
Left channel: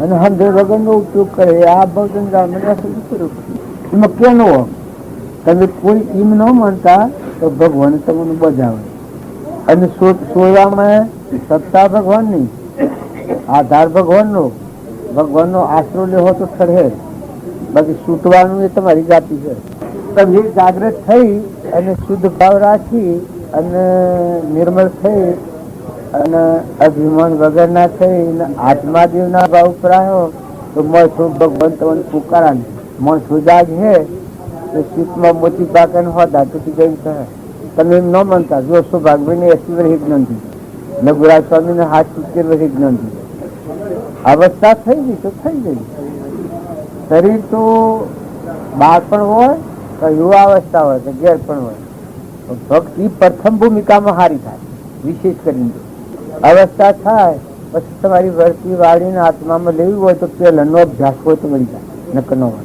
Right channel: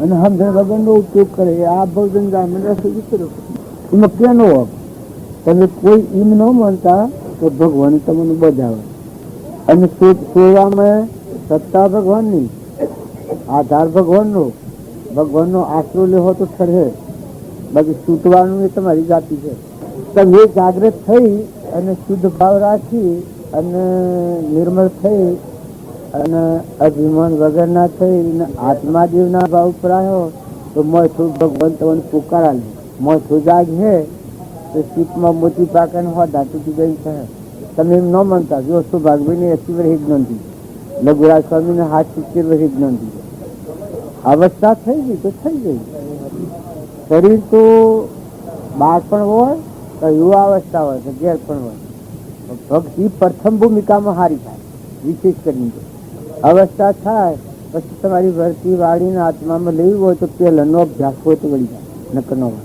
અને સમજણ વગર નો ઉપયોગ કરે આ ભવજન એમાં ક્યાં હોય. તમે કોઈ એમ ન માનતા તો ભગવાન તમને બજાવે અને સોયામાં સત્તા ભગવાન ની આધાર ભગવાન નો આશરો લેવો તો ઠરે, બાકી છૂટવાનું એ તમારી જાતિ છે. તમે જાગૃત થઈ અને શુદ્ધ ભાવ રાખી અને નિર્મળ થઈ અને અભિમાન વગર ના થઈ આત્માદેવ ના ભાવ ઉપર આવ્યો તો મળતું ભગવાન તમને પુકારા લે. મળતું જાગ હે તો ચિત્તમાં મોતી પાકે હો ધાતુથી ગઈ છે. તમે એમ ન માનતા જો સૌભાગભાઈ ને 80 વર્ષ જ્ઞાન થઈ, લઘુરાજ સ્વામી ને 70 વર્ષ જ્ઞાન થઈ. અવસ્થા થઈ ગઈ તો થઈ ગઈ. શરીર તો બાળપણ હોય કે યુવા અવસ્થા હોય કે ઘેર પણ હોય, ભક્તિ પ્રથમ ભૂમિકામાં હારી થાય. વિશેષ કરીને અવસ્થા થાય પછી તમારી વર્તી વાળીને આત્મામાં લેવી હોય તો પેલાનો અભ્યાસ હોય તો વળી જાય નકર ન હોય.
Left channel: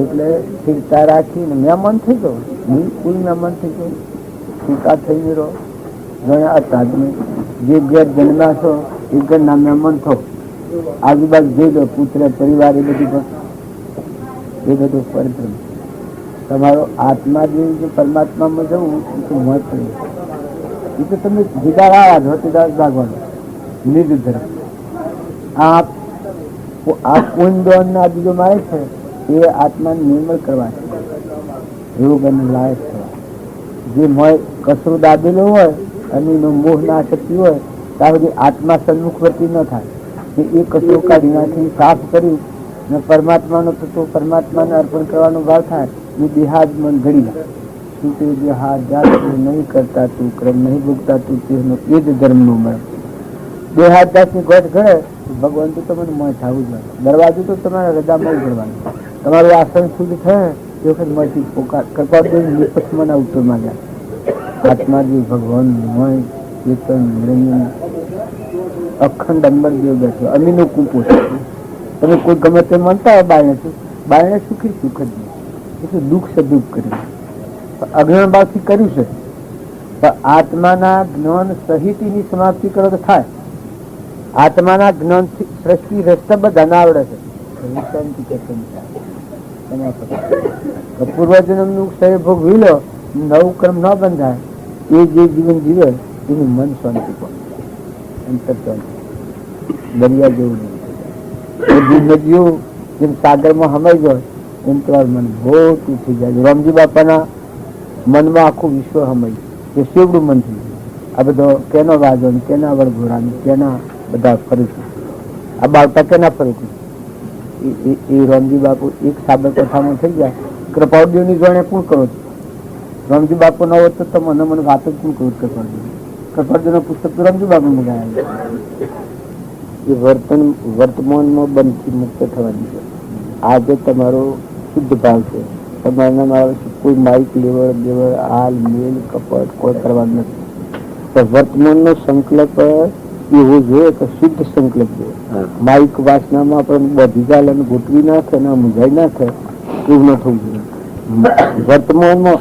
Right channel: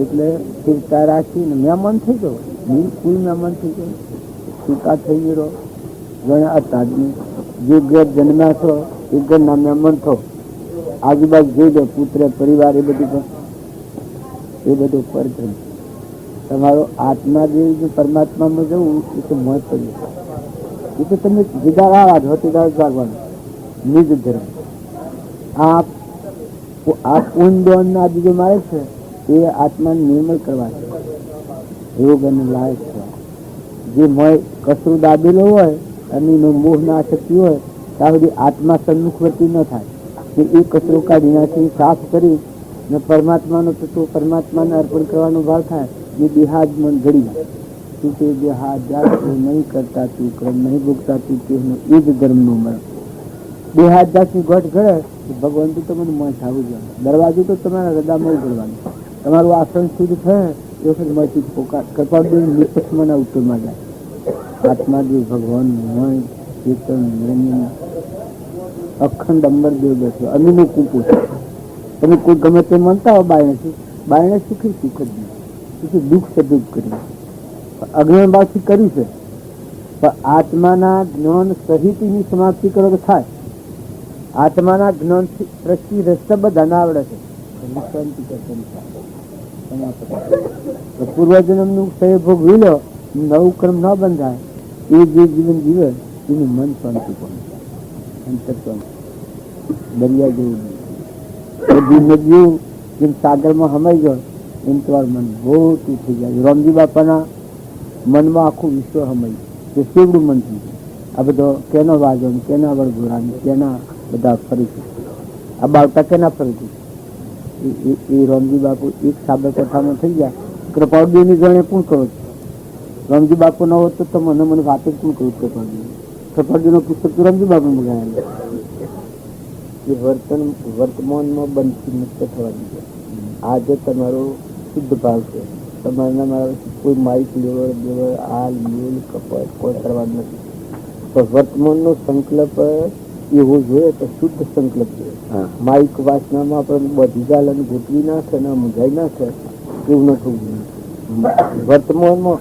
એટલે સ્થિરતા રાખીને મહેમાન થઈ જાઓ, બિલકુલ મહેમાન થઈ જાઓ, છૂટા થઈને રહો. ઘણા અત્યાધુનિક જે ઘેર જન્મ્યા છો એ ઘરના મહેમાન થો. આજુબાજુ જોઈ દો પુત્ર પરિવાર એ બધું પરધર્મ. તમારો આત્મા જે પરમાત્મામાં જવું એ તો મોત પડ્યું. એ તો તમે જીદાર આવા જ હોતી ભાગવાનો નિજ ધર્મ. આ કુંડ ના બીજો મારે છે એ આત્માને નિર્મળ કરવા છે, યોગ અને લાયક થવા. જે મોય કસરું દાબેલો હોય અને એનો મોહ ના શક્તિ હોય ત્યાં સુધી આત્મા સન્મુખવર્તી ન થાય. એ કચરો કાઢી નાખી સાફ કરી ને પરમાત્માનો તત્વ પરમાત્માને અર્પણ કરવાનો ભાવ થાય ને દેહાદ મન ઘડી જાય. તું તે દેહાદ જાત નહીં કરતા તું ક્રમ નહીં ભોગતા તું તેનો એ જ ધર્મનો મરમ. દેહાદ જાતની ગોઠ ઘડે ભગવાન તો તમને મોય થવું જોઈએ. દરવાજો તો તમારા હૃદયમાં ઉઘડવાનું. તમારું આસન શુદ્ધ થાય એ વખત મળતી પોકાર કૃપાદેવ નિપક્ષમાં ઉત્તરમાં જાય. આત્મા જે ભગવાન મોય ચેતન નિરંજન અખંડ અંબર દેવ બેઠો અમીનું કૂપો છે. તમે કોઈ ગમે તે માનતા હોય બાયણે સુખી સુખ જ નહીં, દુઃખ છે દુઃખ કર્યું અજ્ઞાન ભાવથી કર્યું છે. પણ આત્માના જ્ઞાન સહિત એની સમાપ્તિ કરો તો થાય. આત્માના જ્ઞાનથી સૃષ્ટિ રસ્તા બધાને આવડે છે. કરવું, શાંતિ કેતન ચાલે. પૂર્વજન્મનું ક્ષય ભોગવી લો, નવું કર્મ ન બંધાય, એ જે જીવન જીવે એનું મન શાંતિ પહોંચે, અંતર શાંતિ. દરિયા જેવું નહીં થઈ જાય. બધી નદીઓ જેમ સાગરમાં હમાઈ જાય એમ તમારું મન મોટું થઈ જાય. રામજી બાપાના મનમાં આખું વિશ્વ હમાઈ એ શેવડું મન થઈ જાય. આ બધો કેનો વાજો ને કેના વળઘોડા ને કેના બધા ફરીશું, આ બાળકા કેના ફરીશું. એ રામજી બાપુ એક સાબરકાંઠામાં થઈ જાય. કૃપાળદેવની ગણે કોણ કરો છો? રામજી બાપુ ન હોત તો મને વાત જ કોણ કરું? કૃપાળદેવનું પુસ્તક તો રામજી બાપુ મંગાયા. એ વર્તમાનમાં બંધથી મુક્ત થવાની છે. આજે તમારો શુદ્ધ ભાવ છે. તમારા મારા કોઈ માઇક લેવડ દેવડ હાલ મેલ કપટ કોઈ કરવાનું નથી. તો વર્તમાનનો સંકલ્પ એવો જોઈએ કે શુદ્ધ સંકલ્પ જોઈએ. માઇક વાસનામાં પણ બધી ચાલ અને ગોઠવી નાખે ને મૂંઝાઈ નાખે એવું ન થવું જોઈએ. વર્તમાનમાં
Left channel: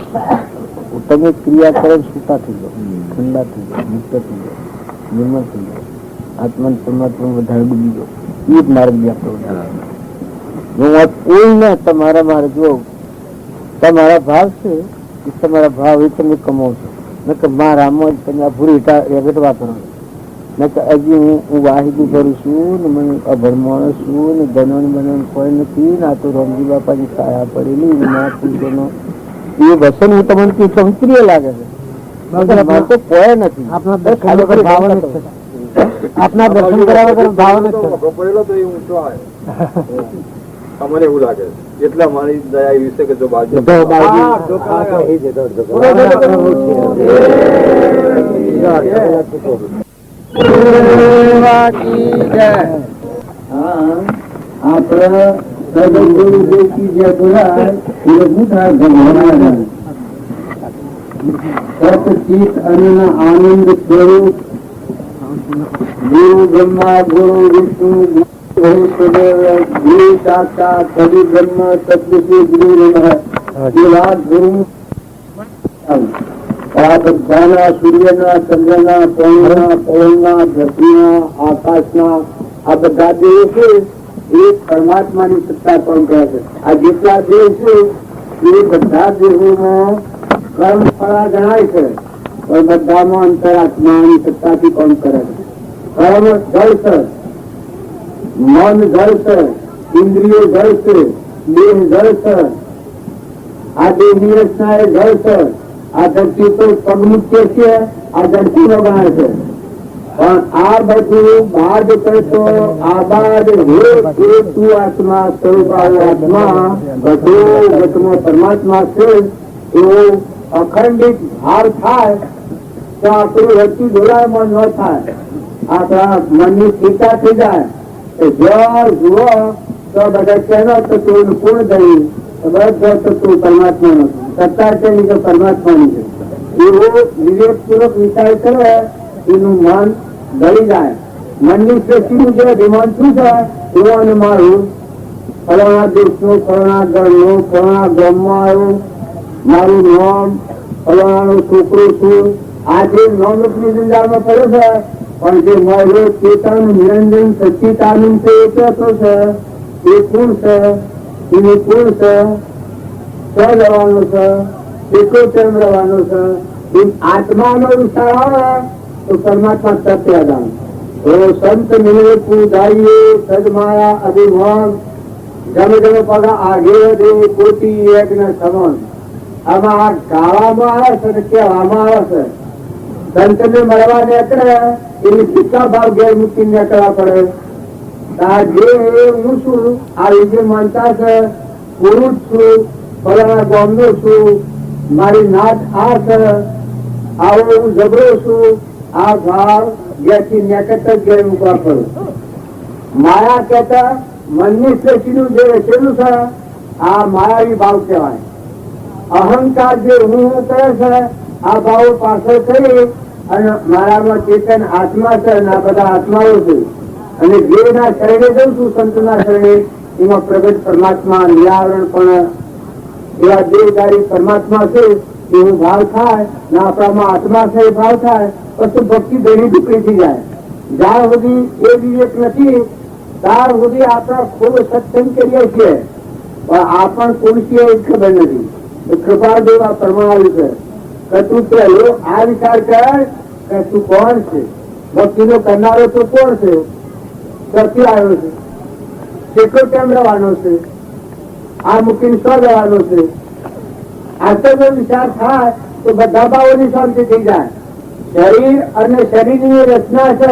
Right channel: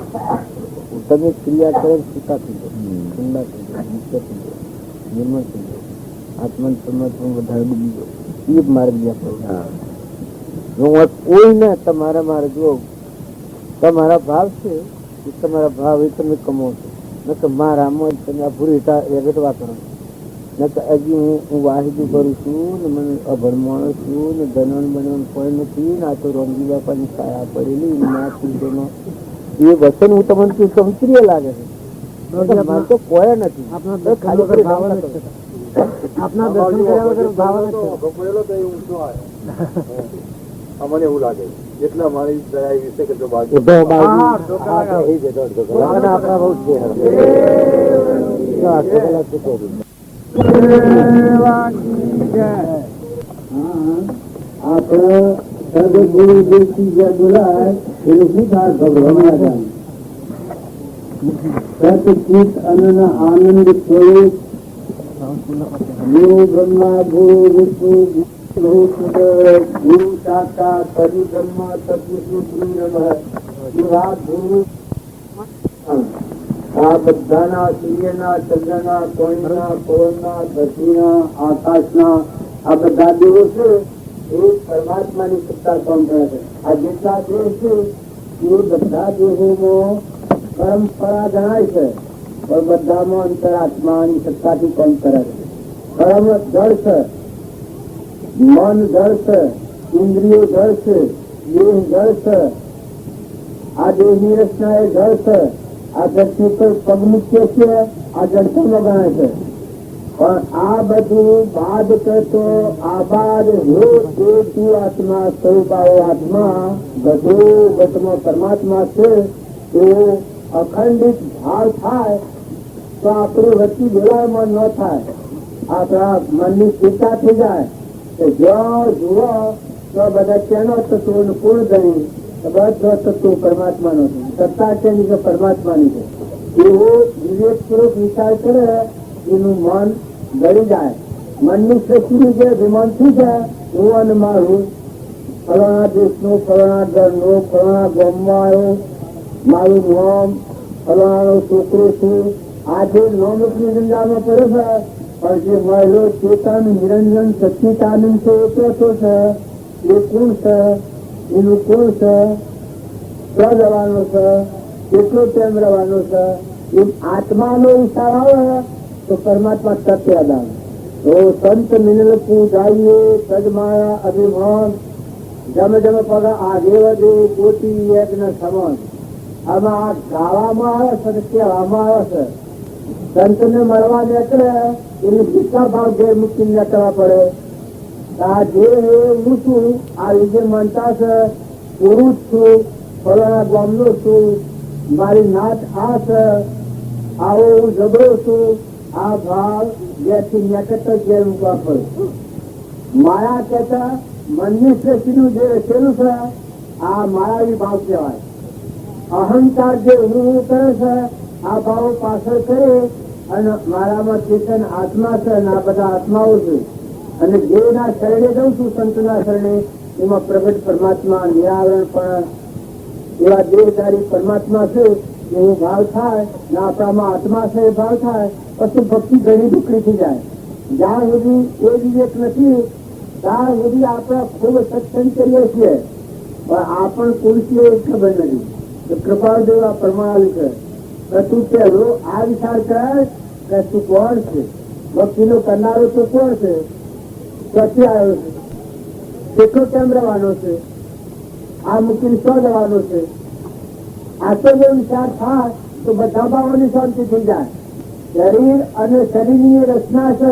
તમે ક્રિયા કરો છૂટા થઈ જાઓ, ઠંડા થઈ જાઓ, મુક્ત થઈ જાઓ, નિર્મળ થઈ જાઓ, આત્મા પરમાત્મા વધારે ડૂબી જાઓ. એ જ માર્ગ આપણો. કોઈને તમારા મારે જો તમારા ભાવ છે એ તમારા ભાવ એ તમે કમાવશો. ન કે મારામાં જ તમે ભૂરી રેગટ વાપરો. ન કે હજી હું વાહિદું કરું છું ને મને અભણ માણસ છું ને ધનવન બનવન કોઈ નથી ને આ તો રામજી બાપાની સાયા પડેલી ના પૂછોનો એ વસન હું તમને કહું પ્રિય લાગે છે. તો કોઈ નથી. આપના દર્શન કર્યા વગર ભાવ નથી. મને એવું લાગે એટલા મારી દયા એવી છે કે જો બાજુ આનંદ સ્વરૂપ ગુરુ બ્રહ્મા ગુરુ વિષ્ણુ ગુરુ સાક્ષાત બ્રહ્મ સદગુરુ ગુરુ આ બધાના સૂર્યના ચંદ્રના પવનના પૃથ્વીના આકાશના આ બધા દેવો છે એ પરમાત્માની સત્તા કામ કરે છે. આ જેટલા દેવ છે એ બધા દેવોમાં કર્મ ફળા ગણાય છે પણ બધામાં અંતરાત્માની સત્તાથી કામ કરે છે. કર્મ જળ છે, મન જળ છે, ઇન્દ્રિયો જળ છે, દેહ જળ છે, આ દેહની રચના એ જળ છે. આ ધરતી તો પગમુખ્ય છે, આ ધરતી નો ગણાય છે. પણ આ બધું બાદ કરતો આ બાદ તું આત્મા સ્વરૂપ આત્મા બધો પરમાત્મા છે એવો અખંડિત ભાવ થાય તો આપણું રચી જોડાયમાં ન થાય. આપણા મનની ચિંતા થઈ જાય જો જુઓ તો બધા કેનો તત્વ પૂર્ણ કરી બધા તત્વ પરમાત્માનું સત્તા છે પરમાત્માની છે એવો વિવેકપૂર્વક વિચાર કરે એનું મન ગળી જાય. મનની સૃષ્ટિનું જે અભિમાન શું છે એવો અને મારું ફલાણા દેશનો ફલાણા ગળનો ફલાણા ગામમાં આવ્યો મારું નામ ફલાણાનો છોકરો છું આ જે નવલોકની જંજાળમાં પડ્યો છે પણ જે મારું ચેતન નિરંજન સચ્ચિદાનંદ છે એ કહેતો છે એ કોણ છે એનું કોણ છે ક્યાં રહેવાનો છે કેટલો કેમ રહેવાનો છે એ આત્માનો વિચાર આવે તો પરમાત્મા સત્ય દાન તો સંત મિલે પૂજારીએ સદમાયા અભિમાન જમે જમે પગા આગે દેવી કોટી એક ને સમાન. આમાં આ ગાવામાં આવે છે ને કહેવામાં આવે છે સંત ને મળવા નીકળે એની શિક્ષા ભાવ ઘેર મૂકી નીકળવા પડે. આ જે હું છું આ વિજય માનતા છે પુરુષ છું ફલાણા ગામનો છું મારી નાત આ છે આવો હું ઝઘડો છું આ ભાવ ઘેરથી નીકળતા ઘેર મૂકવા પડું. માયા કહેતા મનની સૃષ્ટિનું જે રચેલું છે આ માયાવી ભાવ કહેવાય. અહંકાર જે હું કરે છે આ ભાવો પાછળ કરી અને મારામાં ચેતન આત્મા છે અને આ બધા આત્માઓ છે અને જે ના શરીરે જઉં છું સંતના શરીરે એમાં પ્રગટ પરમાત્મા નિરાવરણ પણ એવા દેવદારી પરમાત્મા છે એવું ભાવ થાય ને આપણામાં આત્મા છે એ ભાવ થાય પછી ભક્તિ ઘણી દુકડી થઈ જાય. જ્યાં સુધી એ વિવેક નથી ત્યાર સુધી આપણે ખૂબ સત્સંગ કરીએ છીએ પણ આપણ કોણ છે એ ખબર નથી. કૃપાળદેવ આ પરમાણુ છે કે તું પેલું આ વિચાર કર કે તું કોણ છે, ભક્તિનો કરનારો તું કોણ છે, ક્યાંથી આવ્યો છે, કેટલો કેમ રહેવાનો છે, આ મૂકીને શું રહેવાનો છે. આટલો વિચાર થાય તો બધા ભાવોની શાંતિ થઈ જાય. શરીર અને શરીરની રચના છે.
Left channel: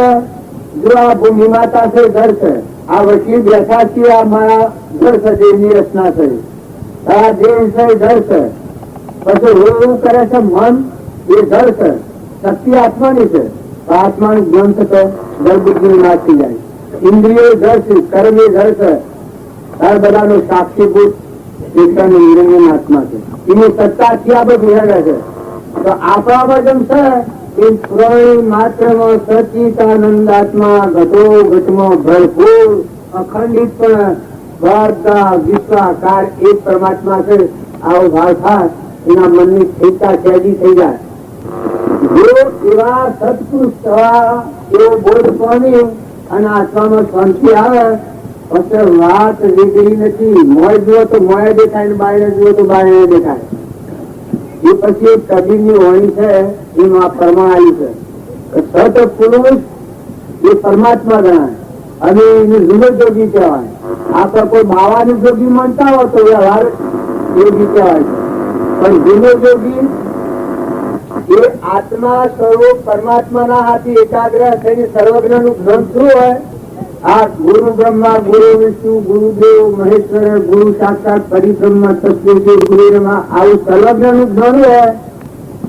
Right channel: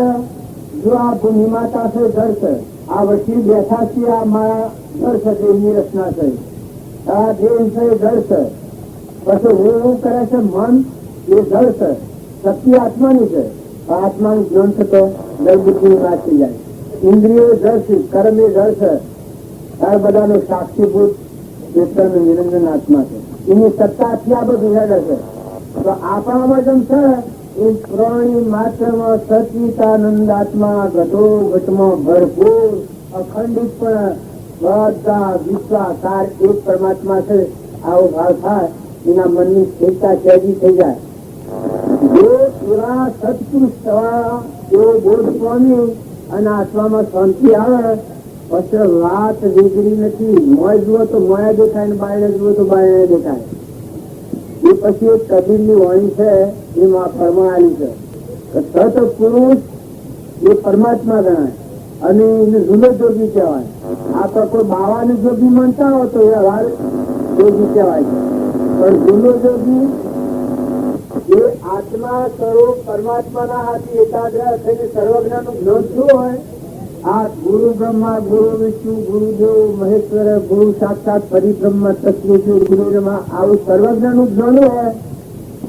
જો આ ભૂમિ માતા છે ઘર છે, આ વકીલ બેઠા છીએ આ મારા ઘર છે, દેવની રચના છે. આ દેવ છે ઘર છે. પછી હું કરે છે મન એ ઘર છે. શક્તિ આત્માની છે. આત્માનું જ્ઞાન થતો ગર્ભબુદ્ધિ નાખી જાય. ઇન્દ્રિયો ઘર છે, કર્મ એ ઘર છે. આ બધાનો સાક્ષીભૂત એકતાનો નિરંજન આત્મા છે. એની સત્તા ત્યાં બધું હેડે છે. તો આપણામાં જેમ છે એ ત્રણેય માત્રમાં સચિતાનંદ આત્મા ઘટો ઘટમાં ભરપૂર અખંડિત પણ બધા વિશ્વાકાર એક પરમાત્મા છે. આવો ભાવ થાય એના મનની સ્થિરતા સહેજી થઈ જાય. જો એવા સત્પુરુષ થવા એવો બોધ પામી અને આત્મામાં શાંતિ આવે પછી વાત નીકળી નથી. મોય જુઓ તો મોય દેખાય ને બાયણે જુઓ તો બાયણે દેખાય. એ પછી કબીરની વાણી છે એમાં પરમાણી છે. સત્પુરુષ એ પરમાત્મા ગણાય અને એને જુગત જોગી કહેવાય. આપણે કોઈ બાવાની જોગી માનતા હોય તો વ્યવહાર યોગી કહેવાય છે. પણ જુગત જોગી એ આત્મા સ્વરૂપ પરમાત્માના હાથી એકાગ્ર થઈને સર્વજ્ઞ નું જ્ઞાન શું હોય? આ ગુરુ બ્રહ્મા ગુરુ વિષ્ણુ ગુરુદેવ મહેશ્વર ગુરુ સાક્ષાત પરિબ્રહ્મ સત્ય ગુરુ આવું સર્વજ્ઞ નું જ્ઞાન હોય.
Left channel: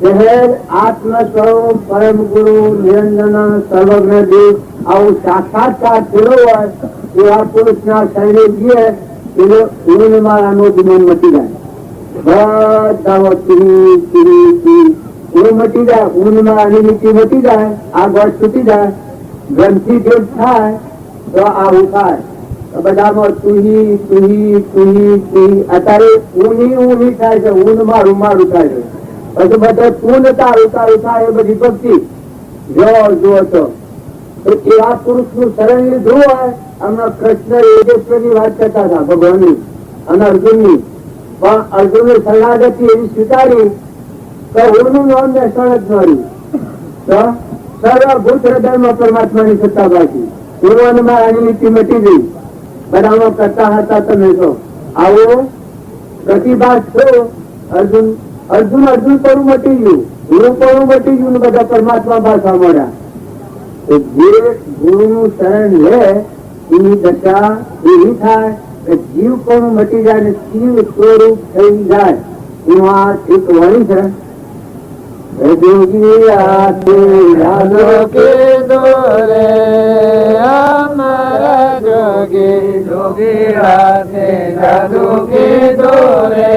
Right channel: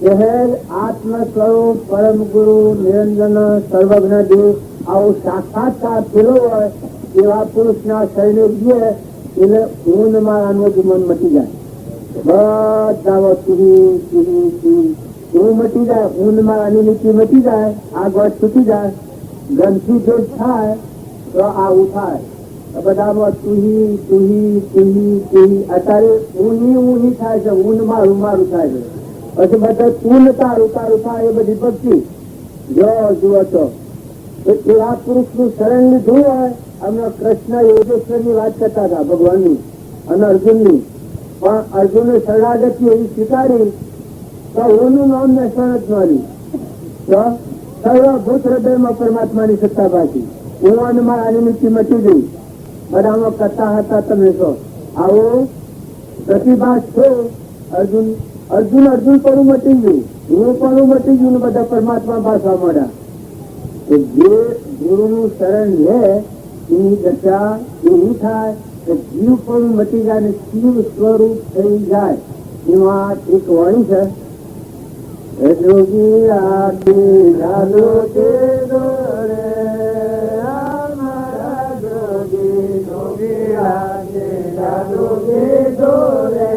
શહેર આત્મ સ્વરૂપ પરમ ગુરુ નિરંજન સર્વજ્ઞ દેવ આવું સાક્ષાત્કાર થયેલો હોય એવા પુરુષ ના શરીરે જઈએ એનો ઊંઘ મારાનો ગુણ મટી જાય. બધા ઊંઘ મટી જાય. ઊંઘ મારાની નીતિ મટી જાય. આ ગોળ છૂટી જાય. ગ્રંથિ ભેદ થાય તો આવું થાય. બધામાં તુહી તુહી તુહી તુહી અત્યારે ઊંઘી થાય છે. ઊંઘ મારું મારું થાય છે. પછી બધા તું તારું તારું થાય એ બધી ભક્તિ જો જુઓ તો એવા પુરુષ નું શરણ લીધું હોય. હમણાં કૃષ્ણ યોગેશ્વર ની વાત કરતા હતા ભગવાનની અને અર્જુન ની. પણ અર્જુન ની શરણાગતિ એવી સ્વીકારી કે હું નું નામ ને શરણ જ મળ્યું તો સર્વભૂત હૃદયમાં પરમાત્માની સત્તા બાકી એવામાં એની નીતિ મટી ગઈ. બધામાં કરતા હતા તમે તો આવો પ્રતિભાસ છો. અર્જુન અર્જુન અર્જુન પણ મટી ગયું, ગુરુ પણ મટી ગયું. બધા પરમાત્મા ભાષા મળ્યા. જે ગુરુ નું શરણ લે એની દશા એવી થાય કે જીવ પણ મટી જાય ને શિવ સ્વરૂપ થઈ જાય. એમાં એક વાણી છે જોગી આતે જાગો કે દોરે અમારા જોગી જોગી આતે જાગો કે દોરે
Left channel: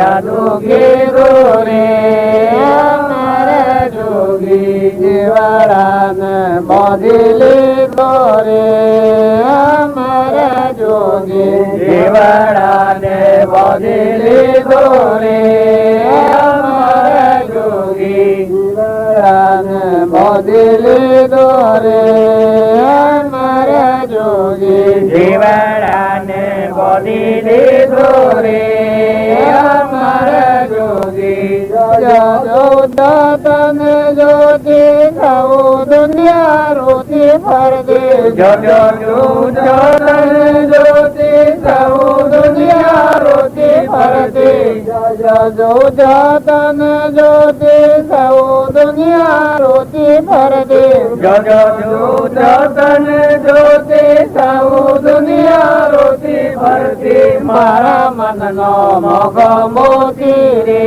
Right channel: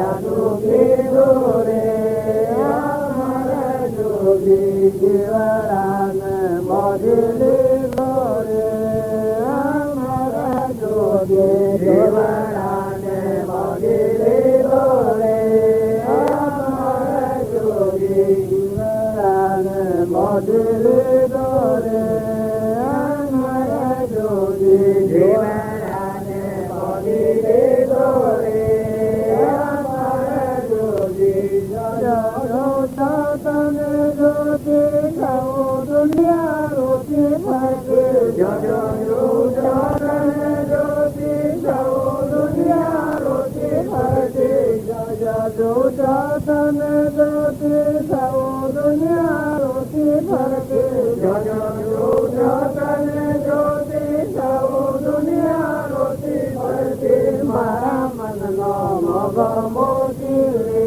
જાદू के गोरे हमारा जोगी जीवरान मोदिले गोरे हमारा जोगी जीवरान मोदिले गोरे हमारा जोगी जीवरान मोदिले गोरे हमारा जोगी जीवरान मोदिले गोरे तन ज्योति खाओ दुनिया रोटी भर दे जो तन ज्योति खाओ दुनिया रोटी भर दे जो तन ज्योति खाओ दुनिया रोटी भर दे जो तन ज्योति खाओ दुनिया रोटी भर दे मारा मन नो मोग मोती रे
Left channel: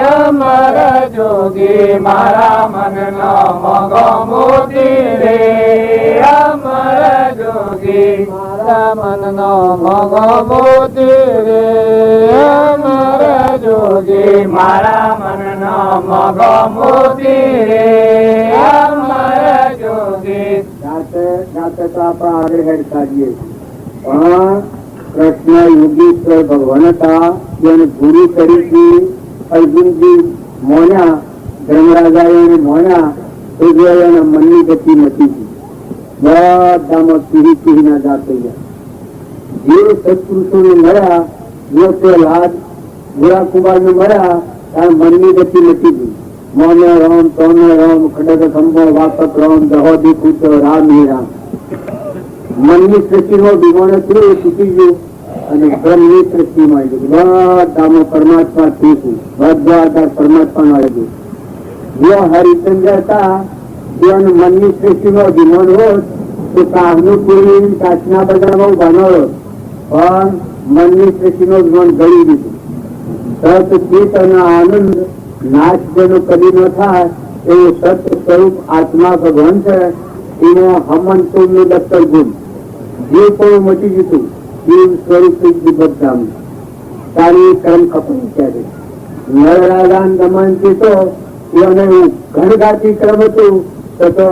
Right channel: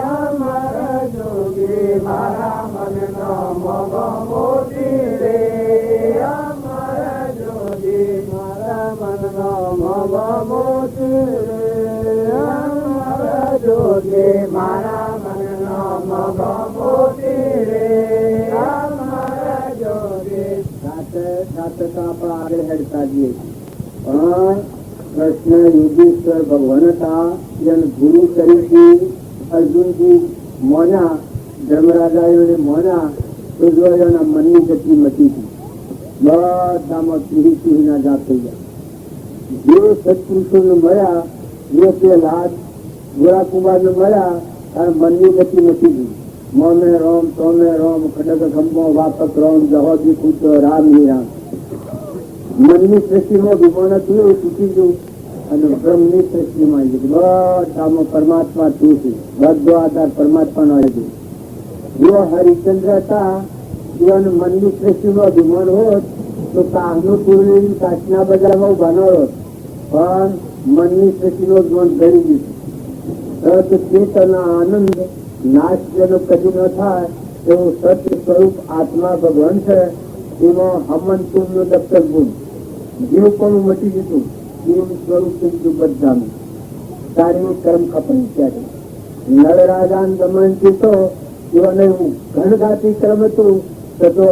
हमारा जोगी मारा मन नो मग मोती रे हमारा जोगी मारा मन नो मग मोती रे हमारा जोगी मारा मन नो मग मोती रे हमारा जोगी जाते जाते तो आप आगे हेड काटिए કૃષ્ણ યોગેશ્વર ભગવાન હતા. એને ગુરુ તરીકે અર્જુનજી મોન્યા, ધર્મરાજાએ મોન્યા તો એના મનની ગતિ નથી. બધામાં પીઢી પીઢીના જાત થઈ ગયા. જે સત્પુરુષોને મળ્યા, લાદ ગોળા કુંભારને મળ્યા, ત્યાં મનની ગતિ નથી. મોને રામ, તોને રામ, ખડગ ખંભો, વાપક રામ, દહોદી પુત્ર રામ હે રામ. મનની સૃષ્ટિમાં વિમાન હતું એ તૂટી ગયું અને બ્રહ્મની સૃષ્ટિમાં બધામાં પરમાત્મા છે. બધા આધાર પરમાત્મા આવી ગયું. જો હરિચંદ્ર હતા એનું મનની સૃષ્ટિમાં વિમાન હોત તો કામનું પૂરી કાચના બજારમાં બનાવો, પણ મનની સૃષ્ટિનો વિમાન ગળી દીધું. સત ચિત્ત અને આનંદ નાશ જેનો કદી ન થાય એ સત સ્વરૂપ આત્મા ભગવાન છે. એનો હમંતુ નું દફતર ગુણ જીવ પણ મટી જતું. જીવ સ્વરૂપ બધામ તારી કર્મ કપન ક્યારે નરરાજા દમન ચિતો એને ઘનઘાતી કર્મ હતું તો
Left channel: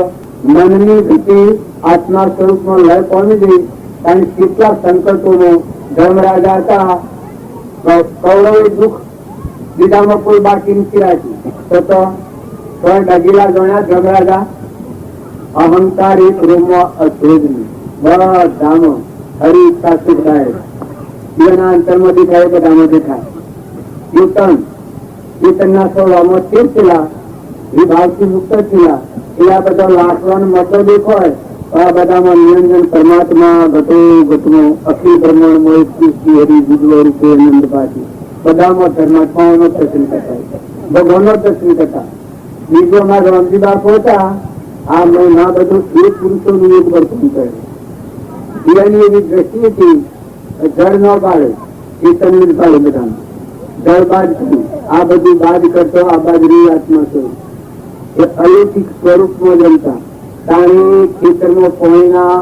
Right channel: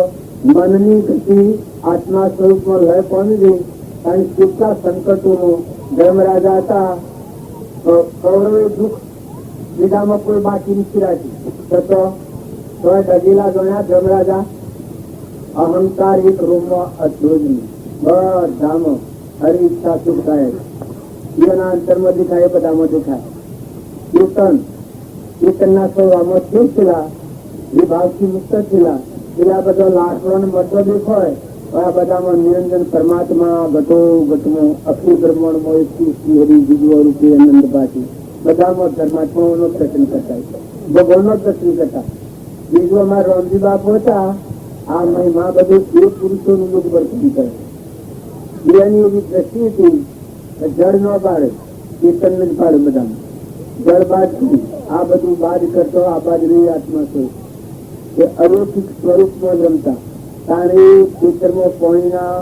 મનની ગતિ આત્મા સ્વરૂપમાં લય પામી ગઈ. કારણ કેટલા સંકટોનો ધર્મરાજા હતા, કૌરવે દુઃખ બીજામાં કોઈ બાકી નથી રાખ્યું તો ડગીલા ગણ્યા ધર્મરાજા. અહંકાર એક રૂમમાં અછેદ બધામાં હરી ઈચ્છા સુખ થાય. એના અંતરમાંથી થાય બધામાંથી થાય. ચેતનના સ્વભાવમાં સ્થિર થયેલા, વિભાવથી મુક્ત થયેલા, એવા બધા લાકડાનો મતલબ એક હોય તો આ બધામાં નિરંજન પરમાત્મા ઘટો ઘટનો અખિલ બ્રહ્માંડમાં હરી ગુજરો રૂપે આનંદ પાછી બધામાં પરમાત્માઓનો દર્શન કરતા, ભગવાનનો દર્શન કરતા. બીજોમાં રામજી બાપુ હતા. આ મહિના બધું એ પુરુષોનું એક વર્તન કરે. એની એવી દ્રષ્ટિ હતી જળ ન પાડે, ચેતન જ પાડે બધાને. જળ બાદ આ બધું બાદ કરતો આ બાજરી આત્મા સ્વરૂપ એ અલૌકિક સ્વરૂપમાં જમતા. તારી ખેતરમાં પાણીના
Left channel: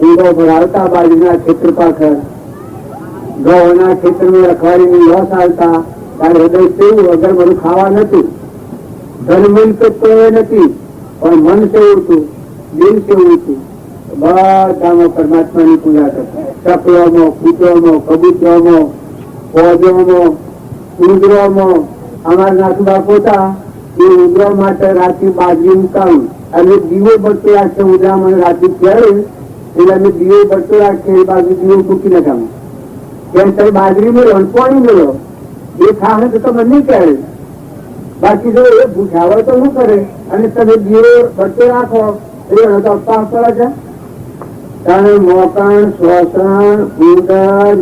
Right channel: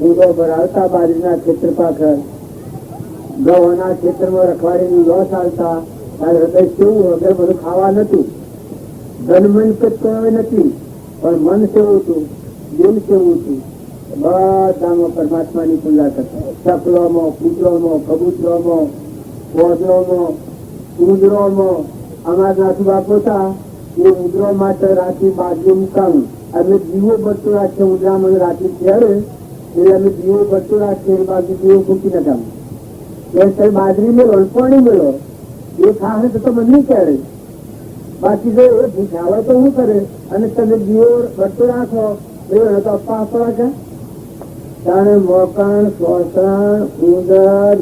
ઊંડો ભરાવતા, બાજરીના ખેતર પાછળ ઘઉંના ખેતરમાં રખવાડીની લોસ આવતા. તારે હૃદય સેવું વગર બધું ખાવા નથી. ધર્મ તો નથી પણ મન કેવું હતું, દિલ કેવું હતું. બધામાં પરમાત્માની પૂજા કરતા. ચકલોમાં, કૂતરોમાં, કબૂતરોમાં, ફોજોમાં, ઉંદરોમાં. અમારા નાથુ બાપુ હતા એ ઉંદરો માટે રાત્રિ બાજરી મુકાવું અને દીવો બળતો રાખશે. ઉંદરા મને રાત્રિ કહેવાય એટલે અમે દીવો બળતો રાખીએ, એ બાજુ દીવો મૂકી નખાવું. કેમ તમે બાજરી મેળો અને પાણી મેળો એ ખાવે તો તમે નહીં કહે. બાકી જો એ ભૂખાવા તો શું કરે અને તમે દીવો બળતો રાખો એ તો અપા આપવા છે. તારે મોકણ, શ્વસન, ઉદર,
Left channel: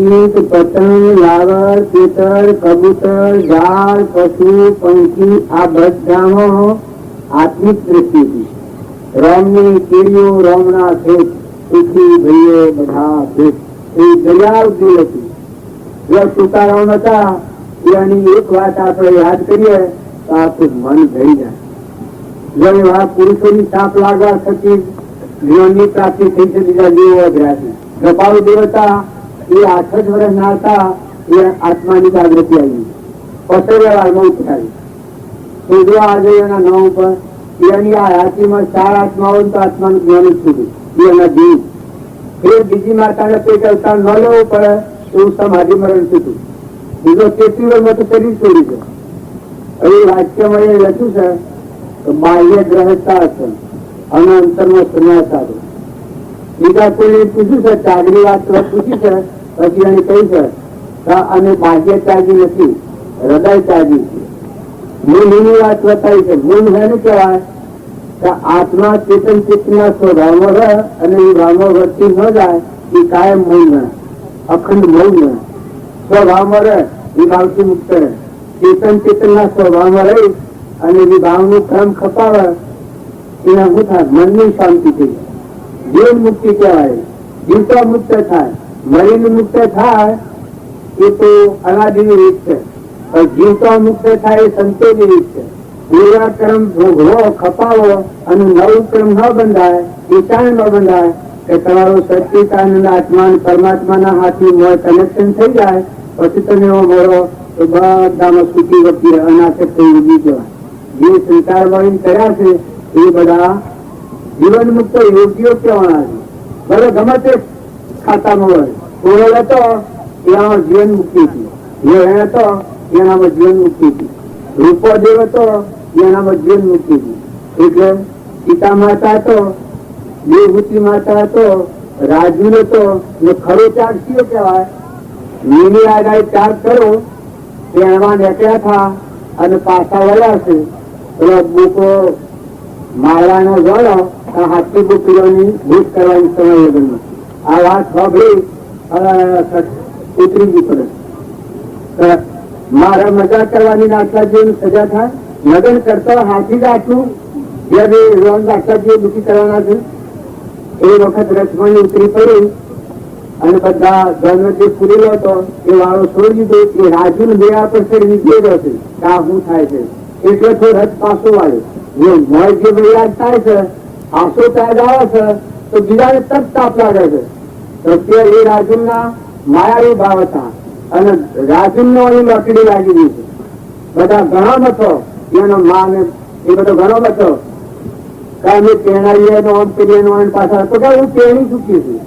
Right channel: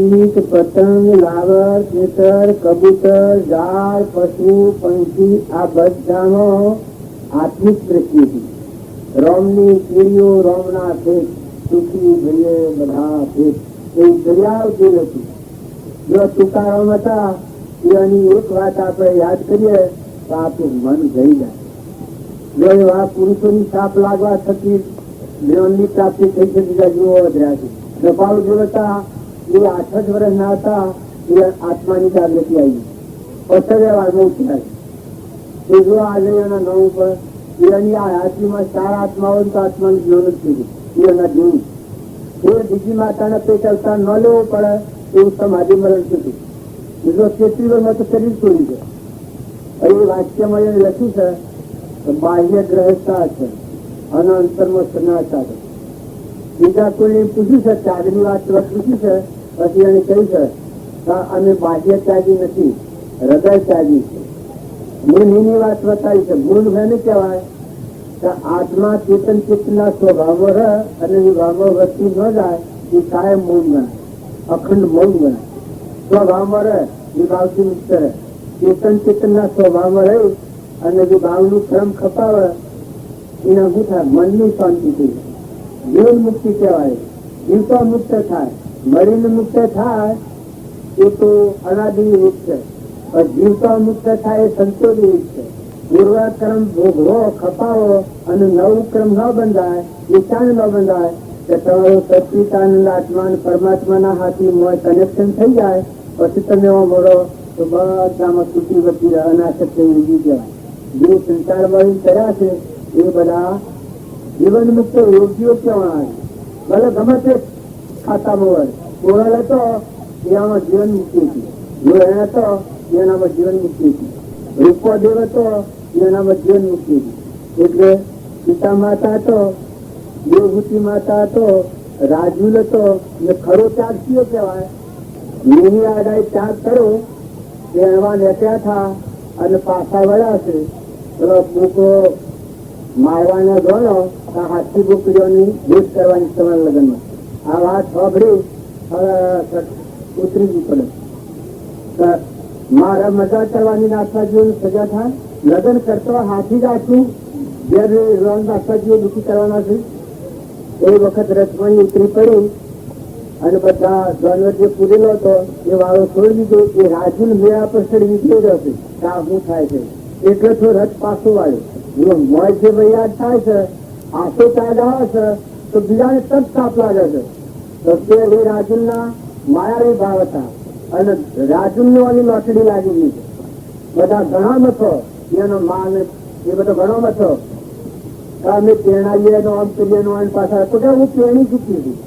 ઈટ, પતંગ, લાવર, ચેતર, કબૂતર, ઝાડ, પશુ, પંખી આ બધામાં આત્મિક દ્રષ્ટિ હતી. રામની કેરીઓ, રામના ખેત, સુખી ભાઈએ બધા ખેત એ દયાળ જીવ હતી. જો તુકારામ હતા એની એક વાત આપણે યાદ કરીએ તો આપણું મન ભરી જાય. જો એવા પુરુષોની સાપ લાગવા થકી જ્ઞાનની પ્રાપ્તિ થઈ છે. બીજા દેવો વધ્યા છે. ગપાળુ દેવતા એ 8 જ વર્ષ ના હતા એ આત્માની જાગૃતિ આવી. પસરેવાળમાં ઉઠાવી તો જો આજે એના નામ ઉપર એની આ હાથીમાં 4 આત્માઓ તો આત્માનું જ્ઞાન જ થયું. એના જીવ ફેર બીજી માતાને પેટ અવતાર ન લેવો પડે એવું સમાધિ મરણ થયું. બીજો 33 વર્ષમાં તો શરીર છોડી છે. હવે વાક્યમાં એ લખ્યું છે બાહ્ય ગ્રહતા હશે અને અંતરમાં સંન્યાસ આવે. બીજા કોઈને પૂછ્યું છે ત્યાગની વાત પૂછી છે પછી એને કહી છે અને બાહ્ય ત્યાગી નથી, હૃદય ત્યાગી છે. ગુણની વાત બતાવી છે. ગુણ એને કહેવાય કે આત્મા ચેતન ચેતના સ્વભાવમાં રહે અને એ ભાવમાં વૃત્તિ ન જાય એ કાયમ મૌન ગણાય, અખંડ મૌન ગણાય. સ્વભાવમાં રહે એ ભાવથી મુક્ત રહે. ચેતન ચેતનના સ્વભાવમાં રહી અને એ ભાવનું ક્રમ ખપાવે એના શું થાય? મનની શાંતિ થઈ જીવ મુક્તિ કહેવાય. જીવતો મુક્ત થાય, મરીને મુક્ત થાય એ તો અનાદિની રીત છે. પણ જીવતો મુક્ત થાય એ સંતોની રીત છે. પૂર્વ કર્મ ભોગવો ખપાવો અને નવું કર્મ ન બંધાય એ ક્યાં ન બંધાય કે તમારો સચિતાનંદ આત્મા પરમાત્માના હાથમાં કનેક્શન થઈ જાય પછી તમે એવો મળો તો બધામાં સુખી વખતે અનાશક્તિ ઉભી જવાય. જે સંસાર વાળી કર્યા છે એ બધા જીવન મુક્ત યોગ્યો કહેવાના છે. ભલે ગમે તે ખાતામાં હોય, કોરલ હતો એનામાં જીવન મુક્તિ હતી, વેણ હતો એનામાં જીવન મુક્તિ હતી, રૂપોદેવ હતો એનામાં જીવન મુક્તિ હતી. એટલે સીતા માતા હતો, દેવભૂતિ માતા હતો, રાજુલ હતો ને ખરો ત્યાગ કયો કહેવાય? નીની આગાઈ ત્યાગ કરો તે એમાં નીકળ્યા હતા અને પાછા વળ્યા છે. પેલો બુકો માળાનો જોડો હાથી ગોપીઓની ભૂત કરવાની સમય લગ્નમાં આ વાત સાંભળી ઉતરી ગઈ પડે. મારે મજાક કરવાની નાટકાજી સજા થાય. લગ્ન કરતો હાથી જ આખું જે બી રોન નાટકાજી દુઃખી કરવાના છે એ વખત રથમાં ઉતરી પડી અને બધા જન્મ જે પૂરેલો હતો એ વાળો છોડી દીધો કે રાજુ બેડા પર નીકળેલો છે કે આ શું થાય છે. એટલે તો રથ પાછો વાળ્યો મળ જે વૈયાદ થાય છે આસો ત્યાગ આવે છે તો બીજાને તપ તાપ લાગે છે. તો તે એ રાજુના માયાવી ભાવ હતા અને રાજુનો લોટડી લાગી ગઈ. બધા ઘણા બસો એનો માં એ બધો ઘણો બસો કારણ તેનારી આમ પેલી પાછળ તો કે હું તેણી ચૂકી છું,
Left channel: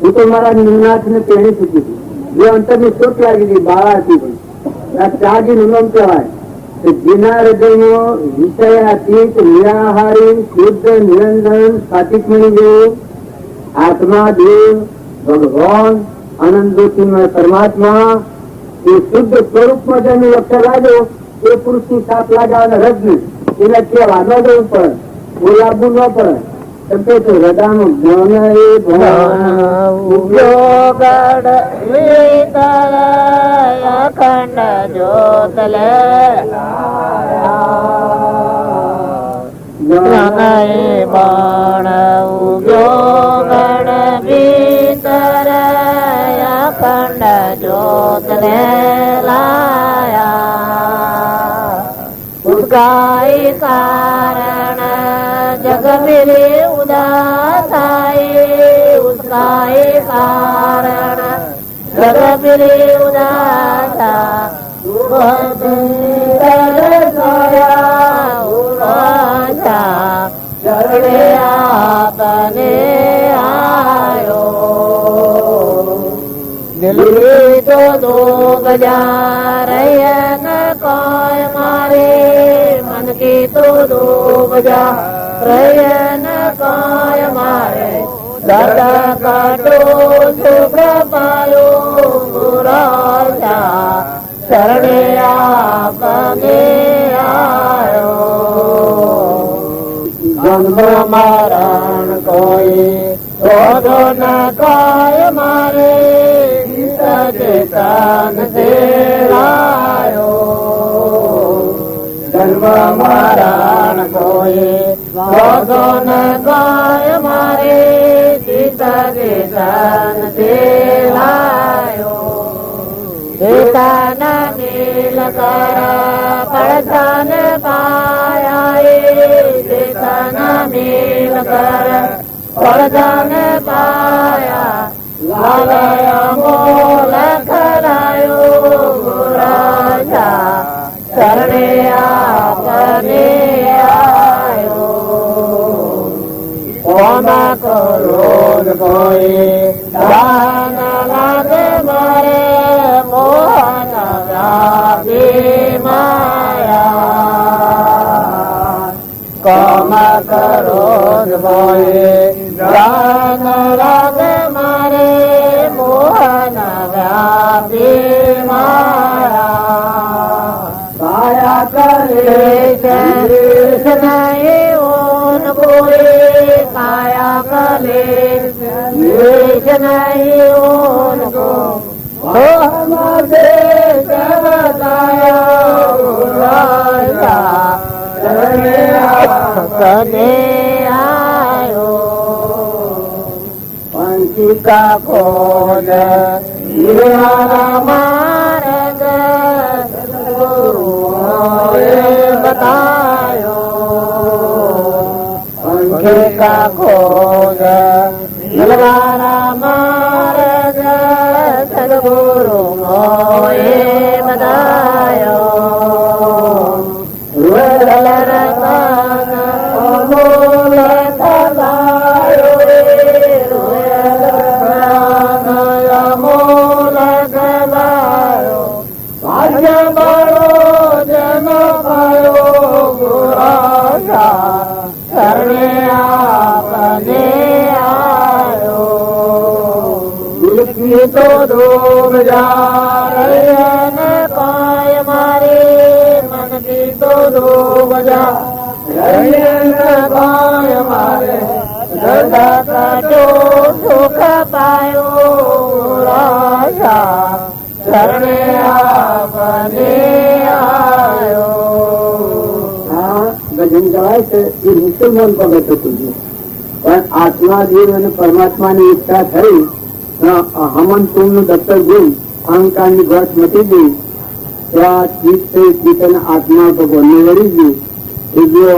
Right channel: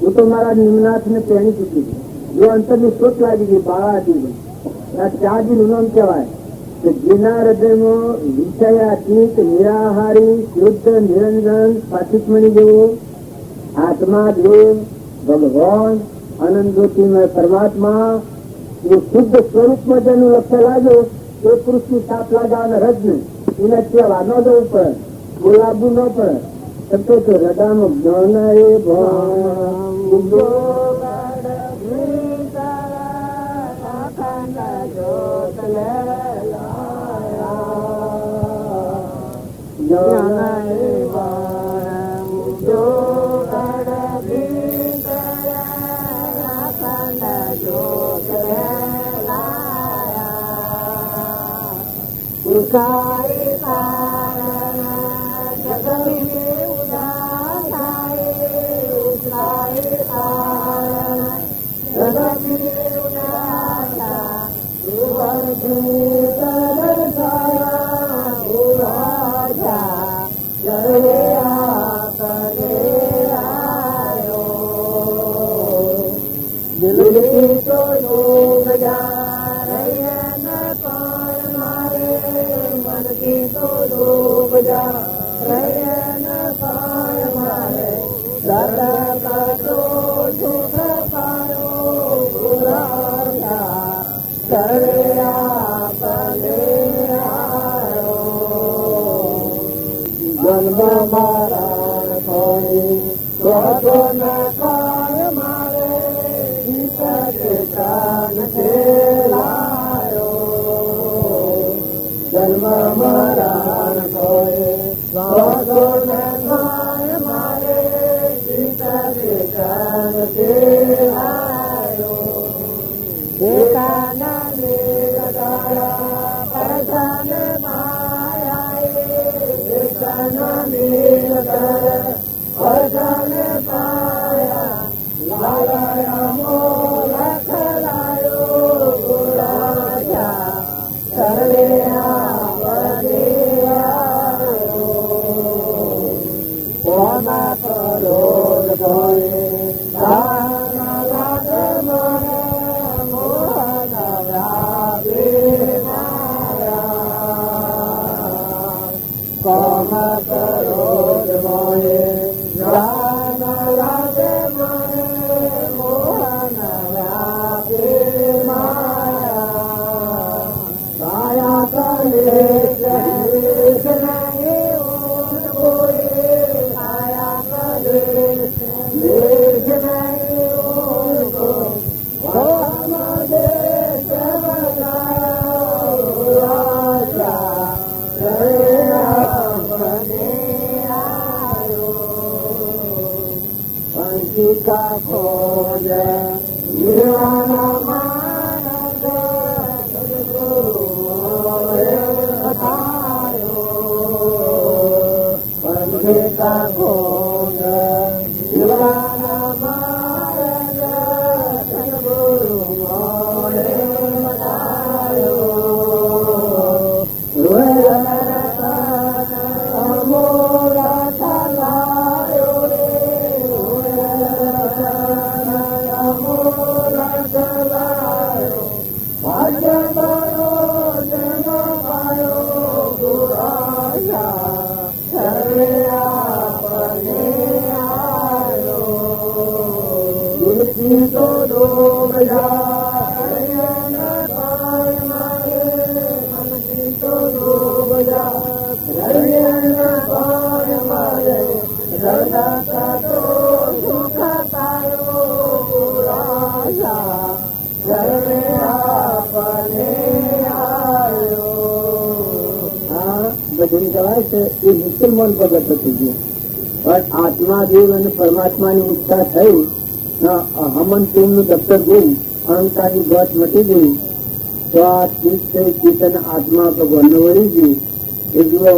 હું તો મારા નિનાથ ને તેણી ચૂકી છું. એ અંતરની શોક લાગી હતી બાળાથી ત્યાગી નિયમ કહેવાય. જેના હૃદયનો વિષયાતીત નિરાહારી શુદ્ધ નિરંજન સાતિકમણી જેવું આત્મા દેવ ભગવાન આનંદ જ્યોતિમય પરમાત્મા એ શુદ્ધ સ્વરૂપમાં જેનું લક્ષ્ય લાગ્યો એ પુરુષની સાપ લાગ્યા રજ નહીં એને કહેવા ન જવું પડે, બોલાવવું ન પડે. એમ કે છે હૃદયનું જ્ઞાન એ અખંડ જ્યોતલે બાણ ઉગ્યો ગણ ભીતર અખંડ જ્યોતલે લાયા ઉદગાય કારણ જગમિરે ઉદાસાય ઉદગાય કારણ જગમિરે ઉદાસા ચરણે આપને આયો દિલ્હી તો દો બજાર ન કોઈ મારે મન કી તો દો બજાર ન કોઈ મારે દાદા કાટો સુખ પાયો રાજા શરણે આપને આયો જન્મ મરણ કોઈ શોધો ન કોઈ મારે ચેતન से लायो जन्म मरण कोई शोधो न કોઈ મારે ચેતન से लायो ચેતન મિલ કર પડછન પાયા ચેતન મિલ કર પડછન પાયા લાલય મોલ કરાયો રાજા શરણે આપને આયો કોણ કરોડ કોઈ દાન લાગે મારે મોહન વ્યાપી માયા કમ કરોડ કોઈ દાન લાગે મારે મોહન વ્યાપી માયા કાયા કરે નહીં ઓન કોઈ કાયા કરે નહીં ઓન કો હમારે રાજા કદે આયો પંચિકા ખોજ માર્ગ બતાયો પંચિકા ખોજ માર્ગ સદગુરુ મોએ બતાયો Amor બધા રહીએ ભાઈ મારે દર્દ કટો સુખ પાયો રાજા શરણે આપને આયો. આ ભજન કહેવાય છે એ મુસલમાન પગત હતું, પણ આત્મા દેવ અને પરમાત્માની ઈચ્છા થઈ, હમન નું દફતર જોઈ અહંકારની ઘાસ મટી ગઈ, તો આ ચીજ થઈ ચેતન આત્મા ભગવાનને વળી ગઈ. એ જો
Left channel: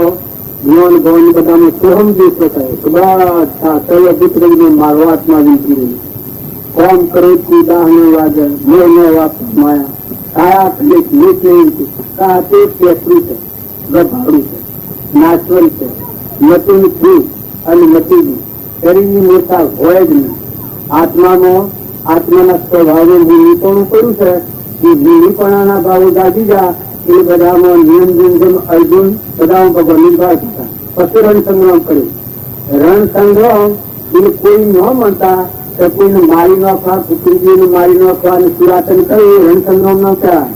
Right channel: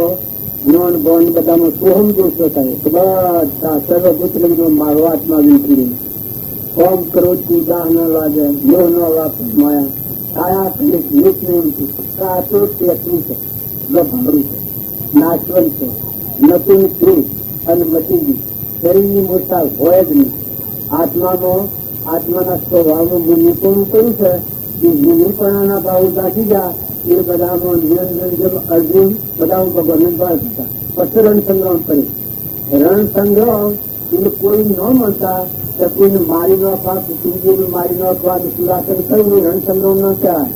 જ્ઞાન ગૌન બધાને સોહમ જે પોતાને તો બધા સર્વપુત્રને મારો આત્મા વીતી કોમ કરે કુદાહને વાગે મોહને વાપ માયા કાયા કલિક નીચે કા તે પેટરું છે, ગભાડું છે, નાચવન છે, નતું છું અને નથી ગયું. શરીરની મોટા હોય જ નહીં. આત્માના સ્વભાવે નિપણું કર્યું છે કે નિપણાના ભાવો જાગી ગયા એ બધામાં જેમ અર્જુન બધામાં ભગવાનની વાત હતા. પછી રણ સંગ્રામ કર્યું. રણ સંગ્રામ એ કોઈ ન માનતા કે કોઈને મારી નાખવા, કુટુંબીઓને મારી નાખવા અને સુરાતન કર્યું રણ સંગ્રામ ન કહેવાય.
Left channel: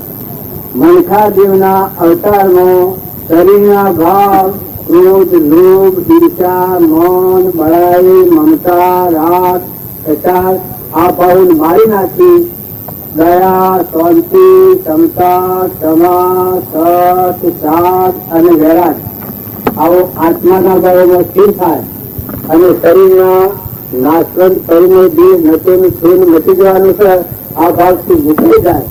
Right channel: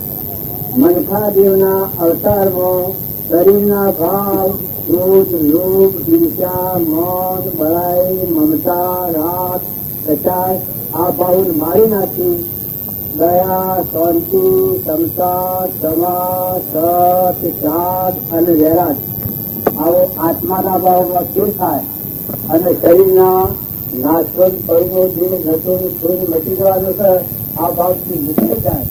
મનખાદેવના અવતારમાં શરીરના ભાવ ક્રોધ, લોભ, ઈર્ષા, મન, બળાઈ, મમતા, રાગ, કચાશ આ ભાવોને મારી નાખી દયા, શાંતિ, ક્ષમતા, ક્ષમા, સત, શાક અને વૈરાગ આવો આત્માના ભાવોમાં સ્થિર થાય અને શરીરના નાશવંત પરિણય દેહ નતું છું મટી જવાનું છે. આ ભાવથી મુકાઈ જાય